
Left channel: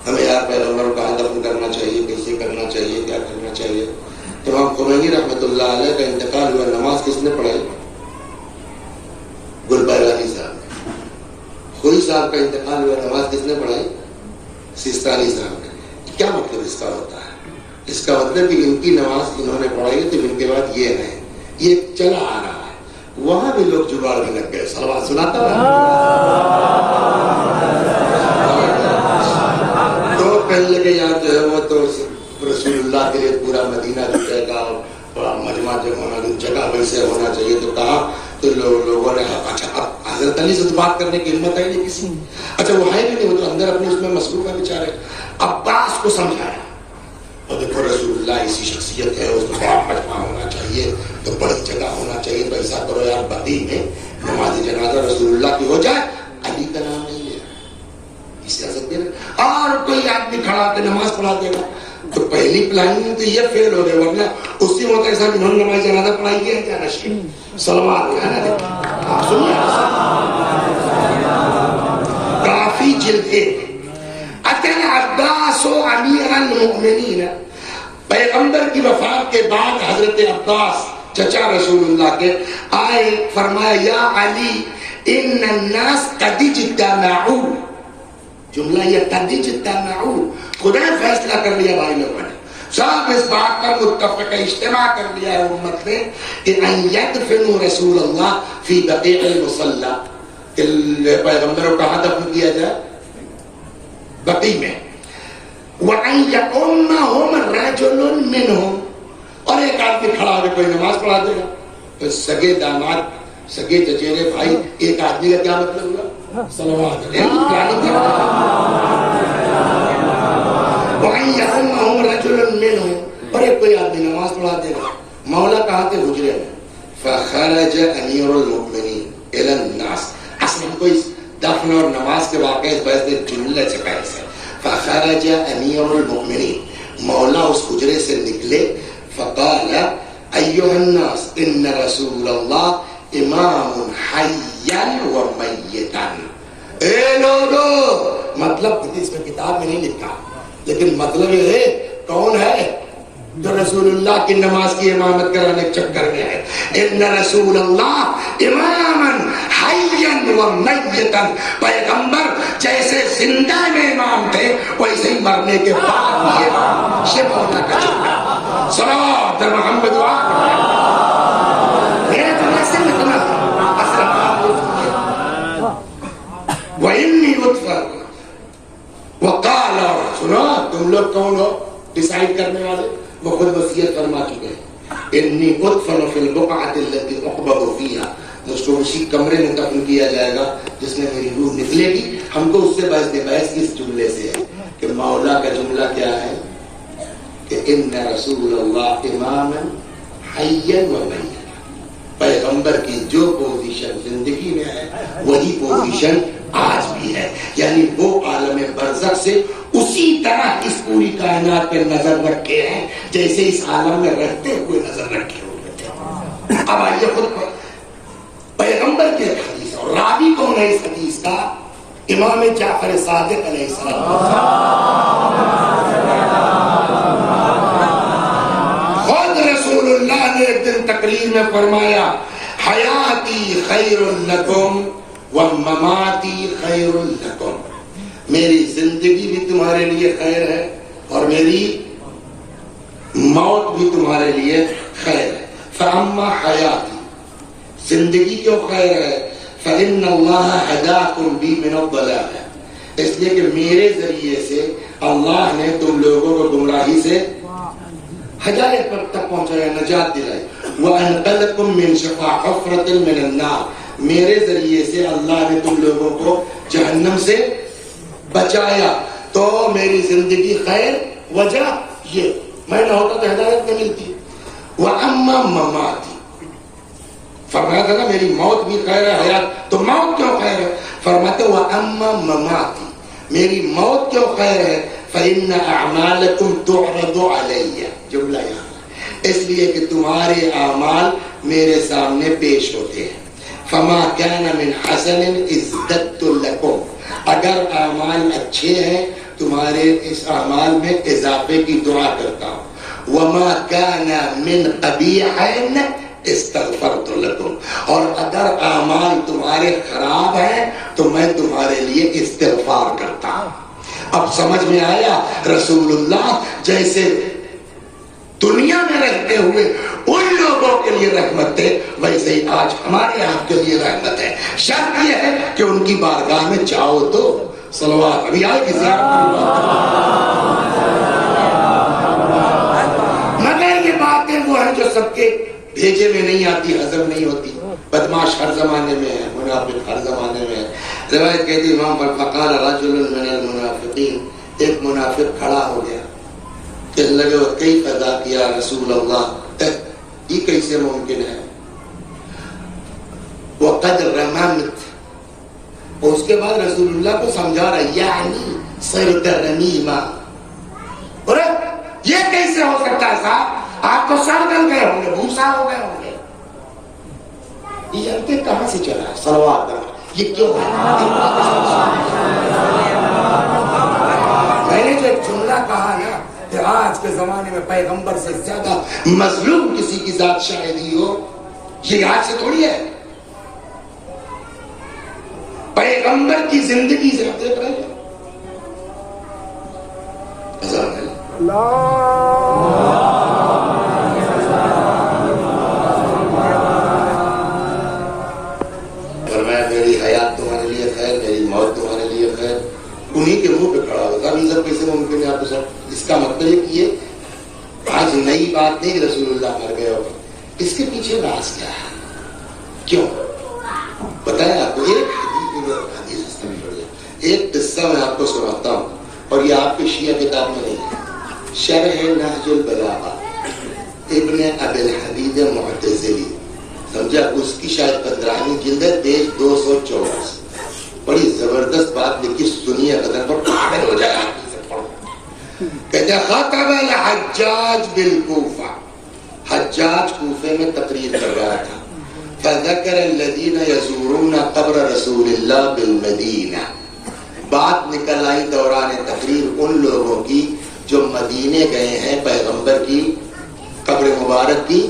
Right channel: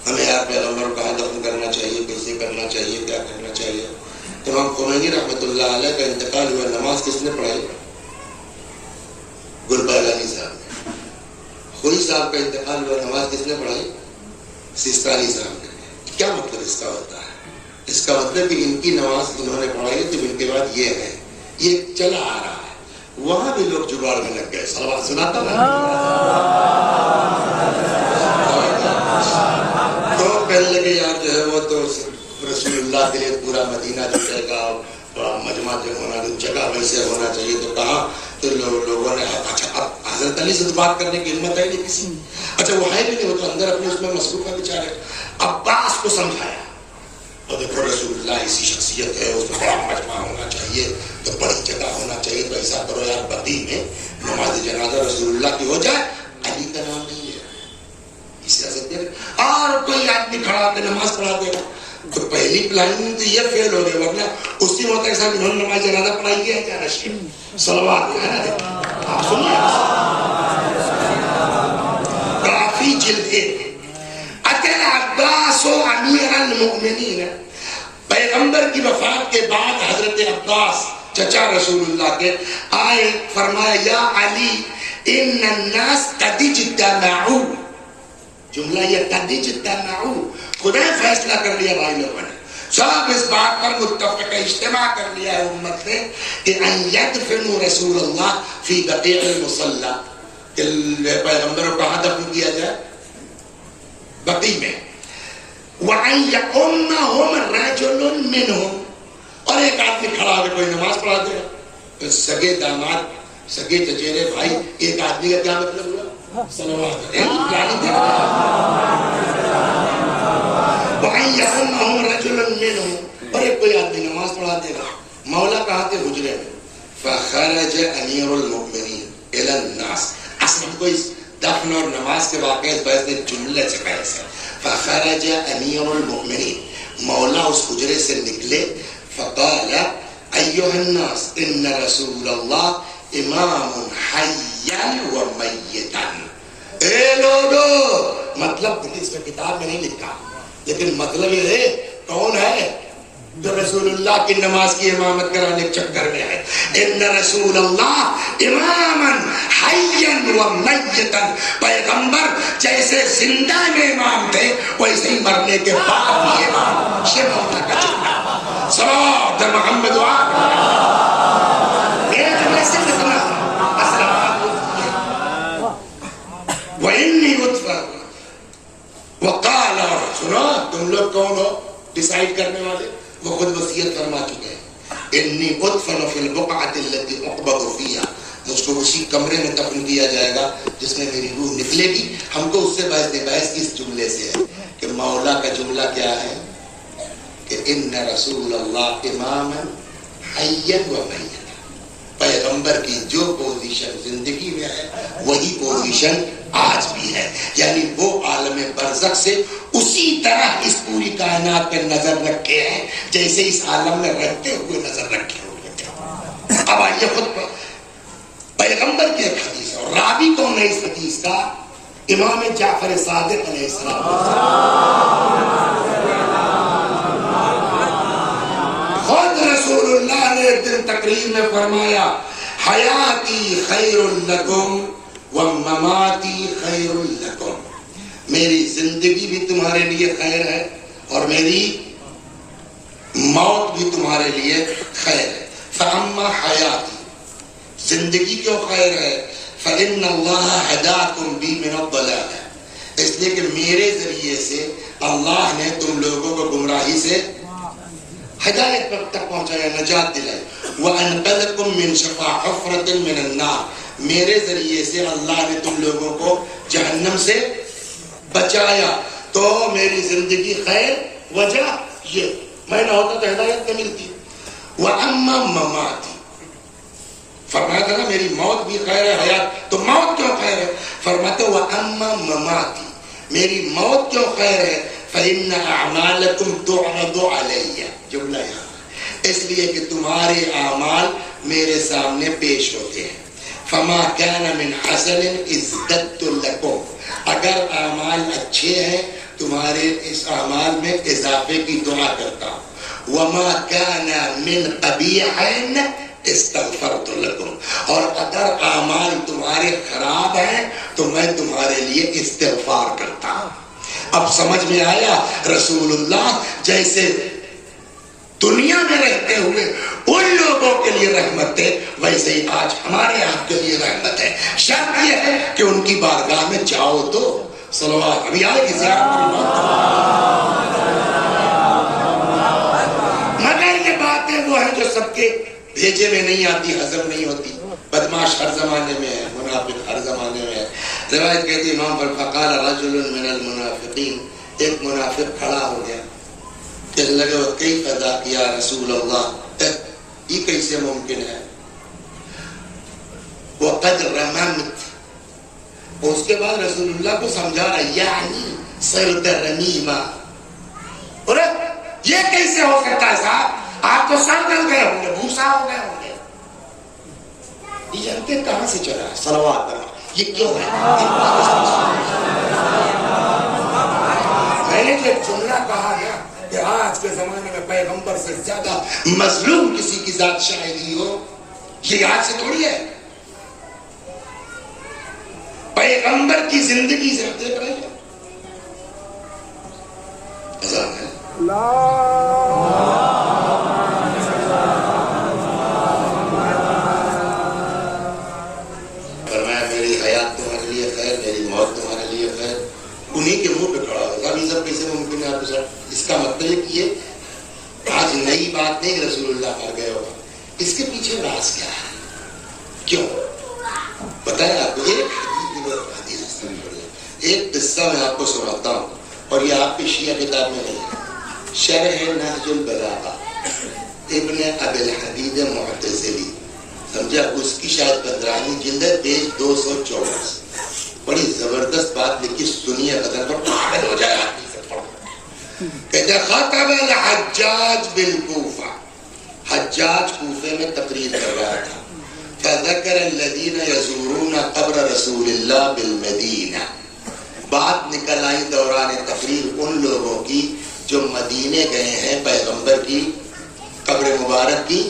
ہمیں یار پیغمبر کا دفن کرنا چاہیے, کیسے کرنا چاہیے, کیا کرنا چاہیے. امام خمینی رحمۃ اللہ علیہ کا انتقال ہوا, نماز کس نے پڑھائی؟ گلبہلالی صاحب. خوئی صاحب کا انتقال ہوا, نماز کس نے پڑھائی؟ سیستانی صاحب نے. کیا مطلب اس کا ہوتا ہے؟ اس کا مطلب کہ ان کی نماز انہوں نے پڑھائی تو ان کے بعد یہ ہے, یہ چلا آ رہا ہے. وہاں بھی لوگ جگاڑ میں لگ گئے. صلوات سناتا ہے تو کہنے لگے یار جو ہے وہ تو رسول اللہ کے لیے پورا مدینہ دکھے گا, بڑا مجمع جو ہونا, جگہ ویسے ہونا چاہیے. تو کہا تو لوگوں نے اچھا اب حضرت علی سے بات کرنے کی ہمت ہے نہیں کسی. اچھا وہ ہے بھی نہیں, وہ تو اندر اپنے اس میں مصروف ہے بیچارے. عباس کو سمجھایا, اور دیکھو رسول اللہ ایسی شخصیت ہے, اس میں بڑا مجمع ہونا چاہیے, تو بڑی جگہ ہونا چاہیے. تو ایسا کرو یار بقیع میں نماز جنازہ رسول اللہ کی ہو جائے, علی کا نام نہیں ہے سیاست میں, اور کوئی آدمی کھڑا کے نماز پڑھا دے گا. تو پہلی پلاننگ تو یہ فیل ہو گئے, ورنہ اس کی موت ایسا انہوں نے نماز جنازہ پڑھائی ہے کیا نشی صلوات ہے نا. آپ سنیے کافی جلدیں. اکیلا عباس و امیر المؤمنین, پیغمبر کی وفات کے بعد حضرت عباس چچا رسول اللہ کے آئے, فرمایا یا علی ان الناس قد اجتمعوا. جملہ یہ قد اجتمعوا, خدا فیصلہ کر لیا بھائی لوگوں نے, سب اس بات پر متفق اجتماع کر لیا ہے امت نے کہ ان یدفنوا رسول اللہ فی بقیع المصلی, کہ پیغمبروں کا دفن کیا جائے بقیع میں. وَأَن يَؤُمَّهُمْ رَجُلٌ مِّنْهُمْ، اور ایک آدمی کھڑا ہو کے کوئی نماز پڑھا دے گا. سگے داماد، سگے چچیرے بھائی، ایک آدمی کا کیا مطلب ہوا؟ صلوات علیہ. وَأَن يَؤُمَّهُمْ رَجُلٌ مِّنْهُمْ، اور ایک کوئی آدمی نماز پڑھا دے گا. مولا کہاں کے حجرے میں. فخرج امیر المؤمنین الی الناس. اصل ہم کو اس دفن اور نماز کے واقعے اس بحث میں جملے سے پہلے سے. فخرج امیر المؤمنین، مولا اس حجرے سے نکلے. فقال ایھا الناس ان رسول اللہ امام حیا و میتا. اے لوگو، مطلب اس میں کتاب میں نہیں لکھا، لیکن مطلب یہ ہے کون ہے جو رسول اللہ کی نماز کی امامت کرانے کے چکر میں ہے. ان رسول اللہ اماما حیا و میتا، پیغمبر جیسے زندہ میں امام تھے ویسے ہی مرنے کے بعد بھی امام. شیخ ہونا کا چکا. صلوات محمد وإني أدفن. وقال، سنا تم لوگ کون ہو ڈیسائیڈ کرنے والے؟ وہ خود وصیت فرما چکے ہیں. انی ادفن فی البقعۃ التي اقبض فیہا، مجھ کو اسی کمرے میں دفن کیا جائے گا جس میں میری روح نکلے گی. ہم کو اس سے بحث اس جملے سے ہے کہ مولا کا جملہ کیا ہے کہ ان رسول اللہ اماما حیا و میتا. پیغمبر کی جو پوزیشن زندگی میں ہے وہی پوزیشن آج بھی ہے. یعنی وہ عالم برزخ سے اسی طرح اس پوری کائنات پہ نظر رکھے ہیں جیسے اس عالم میں رہتے ہوئے نظر رکھے ہوئے. اب آئیے خود پیغمبر کی ایک حدیث ہے، اور راوی کون ہے اس حدیث کا؟ امام جعفر صادق علیہ السلام. خود رسول اللہ نے ایک دن تقریر میں فرمایا حیاتی خیر لکم ومماتی خیر لکم. میری زندگی بھی تمہارے لیے خیر ہے اور میری موت بھی تمہارے لیے خیر ہے. فاما حیاتی، زندگی کیوں خیر ہے؟ فإن اللہ ہداکم بی من الضلال، اس لیے کہ میرے ذریعے سے اللہ نے تم لوگوں کو گمراہی سے ہدایت تک پہنچایا، نجات دلائی. وَأَنْقَذَكُمْ مِنْ شَفَا حُفْرَةٍ مِنَ النَّارِ، میرے ذریعے سے اللہ نے تم لوگوں کو جہنم سے بچایا. تو میری زندگی خیر وجہ یہ، میں نہ ہوتا تو ہدایت نہ ملتی. وَأَمَّا مَمَاتِ، فرمایا تھا نا میری موت بھی خیر ہے حیات، تو موت کیوں خیر ہے؟ فرماتے وَأَمَّا مَمَاتِ، میری موت کیوں خیر ہے؟ فإن اعمالکم تعرض علی، جملہ یہاں اس لیے کہ تمہارے اعمال میرے سامنے پیش ہوتے ہیں. فما كان من حسن ازددت لکم، اگر اعمال اچھے ہیں تمہارے اس اعمال میں اضافے کی دعا کرتا ہوں. وما كان من قبیح استغفرت لکم، اور اگر اعمال تمہارے خراب ہیں تو میں تمہارے لیے استغفار کرتا ہوں. اب سمجھ میں آیا رسول اللہ جیسے دنیا میں رہتے ہوئے ان لوگوں کے لیے رحمت ہے ویسے ہی آج ہمارے آپ کے لیے رحمت ہے. شرط یہ ہے کہ ان کی بارگاہ میں جاؤ تو. صلوات ابھی آئے کسی مگر یہ باتیں وہ ہیں جو سب کے بھیجے میں نہیں آتی، ہضم نہیں ہوتی. بدماش ہر زمانے میں ہے، منافق ہر زمانے میں ہے. روایت کہتی امام پر فقال رجل من المنافقین، ایک منافق کھڑا ہو گیا، کہنے لگے وہ کئی قضا کیا رسول اللہ، یہ کیسے ممکن ہے؟ وقد رممت، اور اس کے بعد رسول اللہ کو سمجھا رہا یعنی صرت رمیما. اور یہ کیسے ہو سکتا ہے صاحب؟ آپ تو سر گل گئے ہوں گے، بھوسا ہو گئے ہوں گے. یہ جانتے کہاں سے چلا ہے؟ صلوات اللہ. یہ کیوں ہے؟ میں نے جو ایک جملہ کہا نا کہ آج کے زمانے میں پیغمبر سے زیادہ مظلوم کسی کی ذات شاہدی ہو، یہ آج سے تھوڑی ہے. پیغمبر کی زندگی سے آپ دیکھ رہے ہیں فرمایا میری حیات تمہارے لیے خیر، میری موت تمہارے لیے خیر. انہی کے منہ پہ کھڑا ہوتا. ابھی سب کیسے ممکن ہے آپ کے ساتھ؟ اس کا مطلب یہ آج نئی بات نہیں رسول اللہ مر گئے ہوگا. اس کے پیچھے راز کیا ہے؟ کیوں بتایا آپ کو؟ ایک قصہ میں آپ کو سناتا ہوں، اور یہ آپ کی شیعہ کتاب میں نہیں ہے. شرح نہج البلاغہ ابن ابی الحدید معتزلی، سمجھا؟ اس کی شاید 15ویں جلد ہے، پیج 224. بڑی زبردست بات لکھی، سنیے غزل پر پاگل ہو جائے. کہتے خاطب الحجاج بالکوفہ، حجاج کوفے میں تقریر کر رہا تھا. فذکر الذین یزورون قبر رسول اللہ بالمدینہ، بات نکل آئی دوران تقریر ان لوگوں کی جو مدینے گئے ہیں پیغمبر کی قبر مبارک کی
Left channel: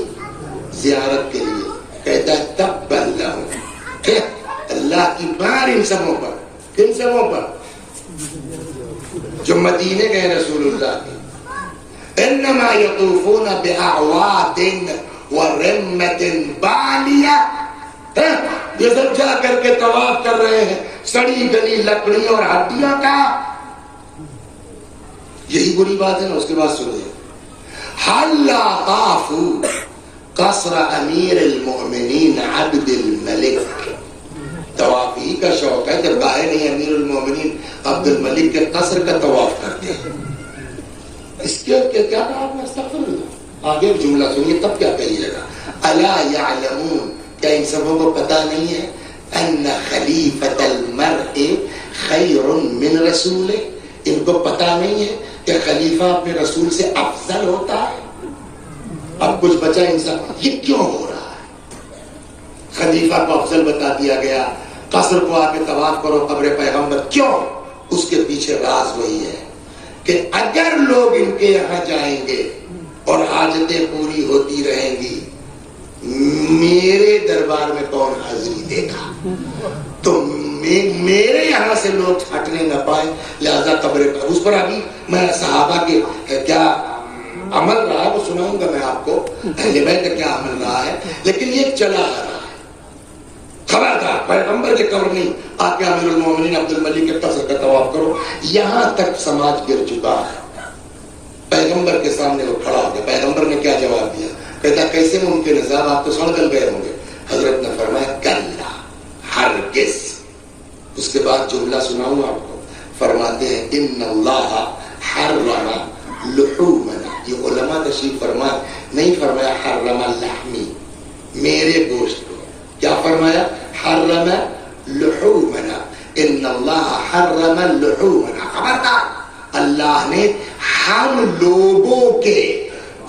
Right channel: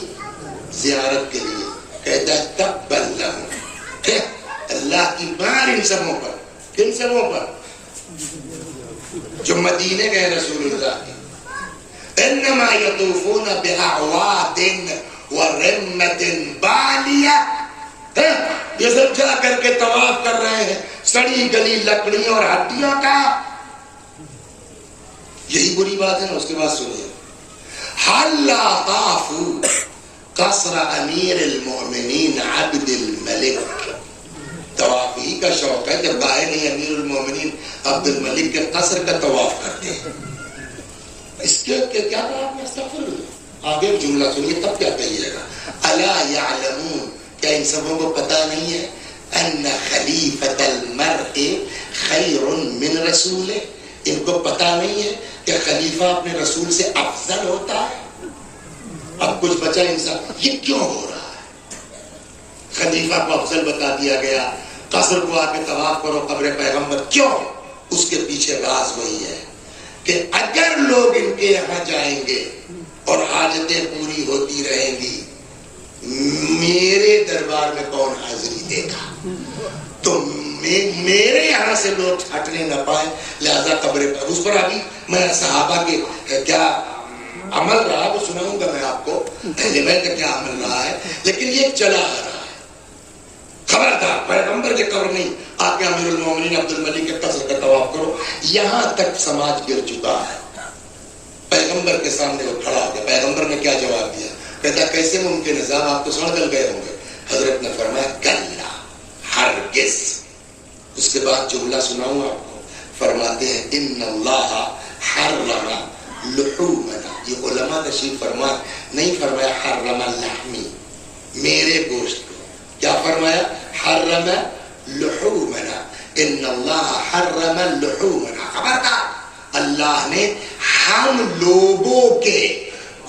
زیارت کے لیے. کہتا ہے تبا لہم، اللہ کی مار ان سبوں پر. کن سبوں پر؟ جو مدینے گئے رسول اللہ کی. انما یطوفون باعواد ورمۃ بالیہ، یہ سب جا کر کے طواف کر رہے ہیں سڑی گلی لکڑیوں اور ہڈیوں کا. یہی بری بات ہے نا. اس کے بعد سنیے، حلا طافوا قصر امیر المؤمنین عبد الملک. طواف ہی کا شوق ہے جب آئے نہیں امیر المؤمنین عبد الملک کے قصر کا طواف کرتے ہیں. اس کے کیا بات میں استغفر اللہ. آگے جملہ سنیے تب کیا کہیے گا. الا یعلمون، کیا ان سبوں کو پتا نہیں ہے ان خلیفۃ المرء خیر من رسول، ان کو پتا نہیں ہے کہ خلیفہ اپنے رسول سے افضل ہوتا ہے. اب کچھ بچا انسان، یہ کیوں ہو رہا ہے؟ خلیفہ کو افضل بتا دیا گیا، قصر کو آ کے طواف کرو قبر پیغمبر. کیوں؟ اس کے پیچھے راز وہی ہے کہ اگر لوگ ان کے یہاں جائیں گے اور حاجتیں پوری ہوتی رہیں گی، میرے دربار میں کون حاضری دے گا؟ تو میرے یہاں سے لوگ ہٹنے نہ پائے، لہذا قبر پر. اس پر ابھی میں صحابہ کے کیا عمل رہا ہے وہ سناؤں گا میں آپ کو، اہل بیت کا کیا عمل رہا ہے. لیکن یہ چلا آ رہا ہے. خبردار پیغمبر کے قبر نہیں آ کے امیر المومنین عبد الملک کے قصر کا طواف کرو. یہاں تک سماج گر چکا ہے. پیغمبر کے سامنے وہ کھڑا ہو گیا. پیغمبر نے کیا جواب دیا؟ کہتا کیسے ممکن ہے صاحب، آپ تو سڑ گل گئے ہوں گے. حضرت نے فرمایا کلا ہرگز. اس کے بعد جملہ سناؤں آپ کو. فرماتے ہیں ان اللہ حرم لحومنا. یہ علماء تشریف فرمائے، نہیں فرمایا حرم لحمی، میرے گوشت کو. کیا فرمایا؟ حرم لحومنا. ان اللہ حرم لحومنا. خبردار، اللہ نے ہم لوگوں کے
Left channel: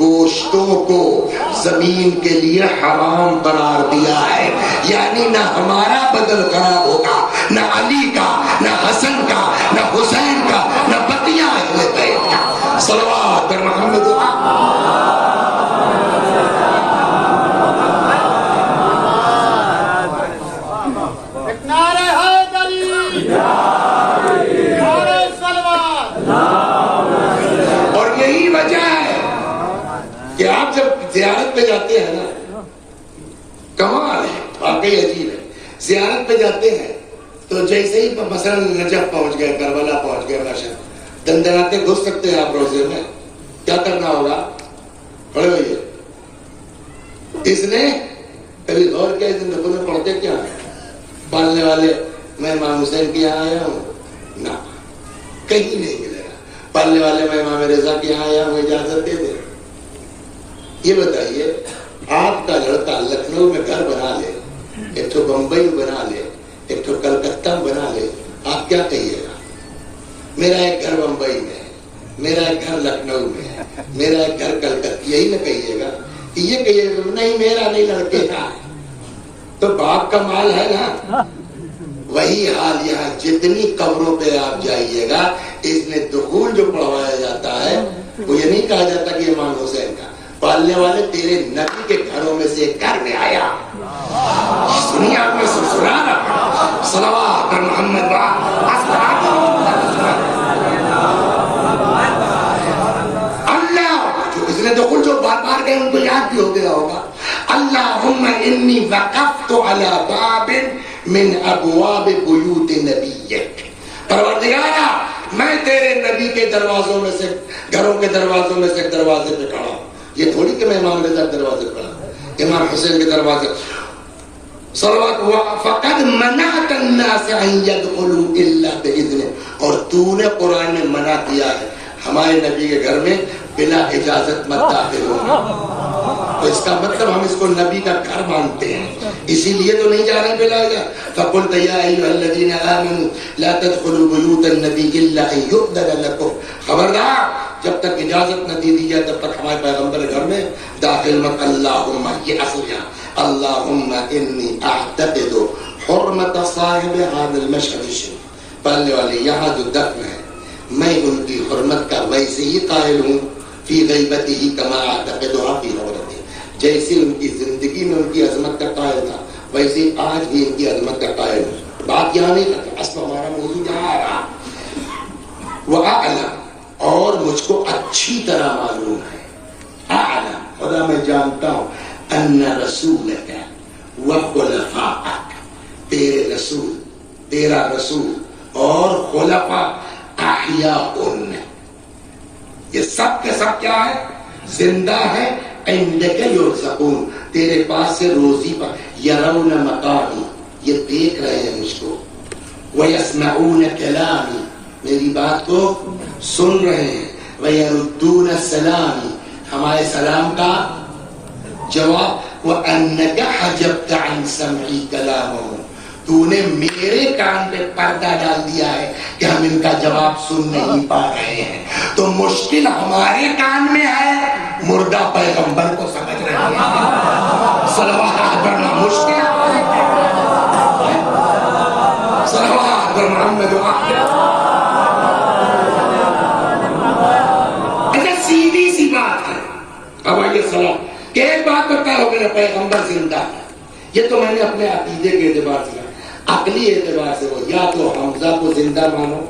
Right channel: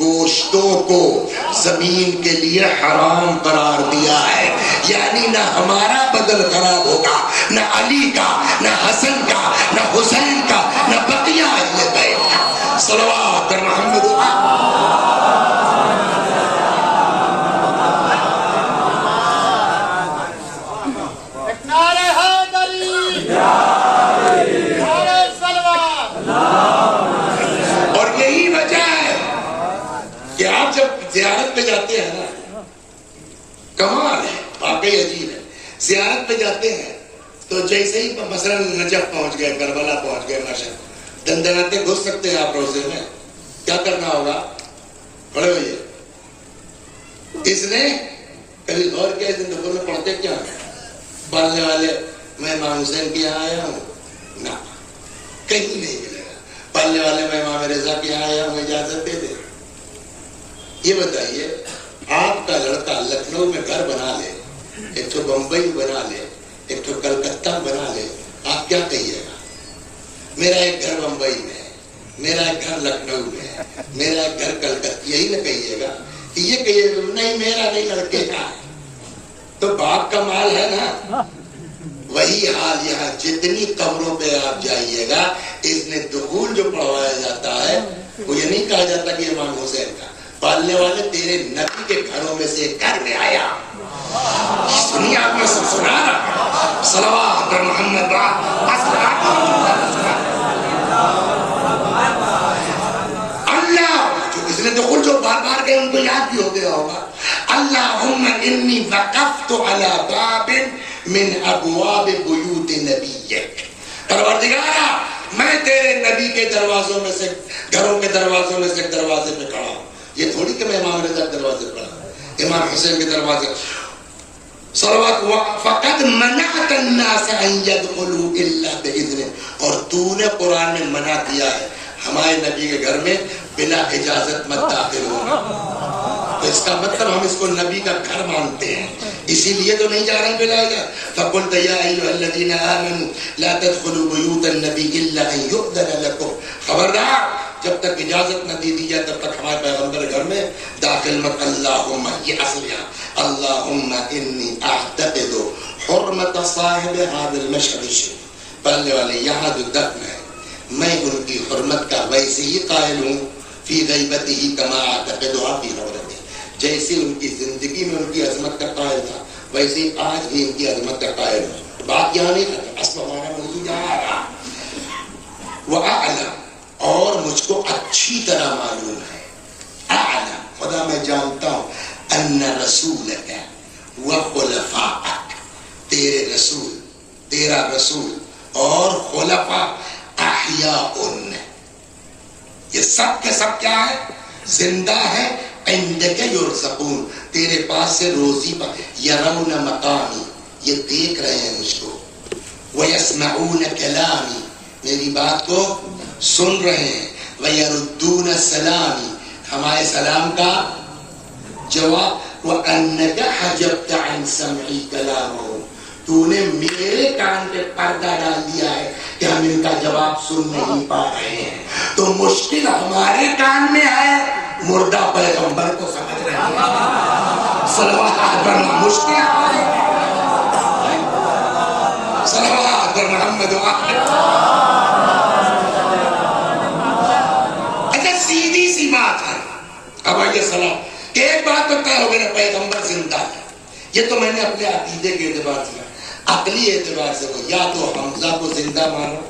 گوشتوں کو زمین کے لیے حرام قرار دیا ہے. یعنی نہ ہمارا بدن خراب ہوگا، نہ علی کا، نہ حسن کا، نہ حسین کا، نہ بقیہ اہل بیت کا. صلوات بر محمد. کہ آپ جب زیارت پہ جاتے ہیں نا، کمال ہے، واقعی عجیب ہے. زیارت پہ جاتے ہیں تو جیسے ہی مثلا نجف پہنچ گئے، کربلا پہنچ گئے، ماشاء دندناتے گھس سکتے ہیں آپ روزے میں. کیا کرنا ہوگا؟ کھڑے ہوئیے. اس نے کبھی غور کیا اس دن میں پڑھتے کیا ہے؟ پالنے والے میں امام حسین کے یہاں آیا ہوں، نہ کہیں نہیں ملے گا. پالنے والے میں امام رضا کے یہاں آیا ہوں، اجازت دے دے. یہ بتائیے آپ کا لڑکا لکھنؤ میں گھر بنا لے، ایک تو بمبئی بنا لے، ایک تو کلکتہ بنا لے، آپ کیا کہیے گا؟ میرا ایک گھر بمبئی میں ہے، میرا ایک گھر لکھنؤ میں ہے، میرا ایک گھر کلکتہ. یہی نہ کہیے گا کہ یہ کہیے گا نہیں میرا نہیں لڑکے کا ہے. تو باپ کا مال ہے نا. وہی حال یہاں جتنی قبروں پہ آپ جائیے گا، اس میں دخول جو پڑھوایا جاتا ہے وہ یہ نہیں کہا جاتا کہ امام حسین کا. پالنے والے تیرے نبی کے گھروں میں سے گھر میں آیا. دنیا میں سنا صلوات پر محمد. اللہ اس نے دخول جو بار بار گئے ان کو یاد بھی ہو گیا ہوگا. اللہم انی وقفت علی باب من ابواب بیوت نبیک. پروردگارا میں تیرے نبی کے دروازوں میں سے، گھروں کے دروازوں میں سے ایک دروازے پہ کھڑا ہوں. یہ تھوڑی کہ میں امام رضا کے دروازے پہ کھڑا ہوں، امام حسین کے دروازے. صلوات فقد منعت الناس ان يدخلوا الا باذنه، اور تو نے قرآن میں منع کیا ہے ہمارے نبی کے گھر میں بلا اجازت مت داخل ہو. تو اس کا مطلب ہم اس کو نبی کا گھر مانتے ہیں، اسی لیے تو نہیں جا رہے ہیں بلا اجازت. فقلت یا ایھا الذین آمنوا لا تدخلوا بیوت النبی الا ان یؤذن لکم، خبردار جب تک اجازت نہ دی جائے تب تک ہمارے پیغمبر گھر میں داخل مت. اللہم، یہ اصل یہاں، اللہم انی اعتقد حرمت صاحب هذا المشهد الشریف، پڑھنے والے یہاں جو دفن ہے میں ان کی حرمت کا ویسے ہی قائل ہوں فی غیبتہ کما اعتقدها فی حرمتہ، جیسے ان کی زندگی میں ان کی عظمت کا قائل تھا ویسے ہی آج بھی ان کی عظمت کا قائل ہوں. بات یہاں نہیں کرتے، اصل ہمارا موضوع یہاں آ رہا. وَأَعْلَمْ، اور مجھ کو اچھی طرح معلوم ہے، اعلم خدا میں جانتا ہوں، ان رسولک وخلفاءک، تیرے رسول، تیرا رسول اور خلفاء احیاء، یہ سب کے سب کیا ہے؟ زندہ ہے. عندک یرزقون، تیرے پاس سے روزی پر. یرون مقامی، یہ دیکھ رہے ہیں مجھ کو. ویسمعون کلامی، میری بات کو سن رہے ہیں. ویردون السلامی، ہمارے سلام کا جواب. وانک حجبت عن سمعی کلامہ، تو نے میرے کان پہ پردہ ڈال دیا ہے کہ ہم ان کا جواب سن نہیں پا رہے ہیں. تو مشکل ہمارے کان میں ہے، مردہ پیغمبر کو سمجھ رہے ہیں. صلوات پڑھنا مشکل ہے، صلوات پر محمد سیدھی سی بات ہے. اب آئیے سلام کہ ایک بات تو طے ہو گئی، پیغمبر زندہ ہے. یہ تو میں نے اپنے عقیدے کے اعتبار سے، عقلی اعتبار سے وہ یا تو حمزہ کو زندہ مانو،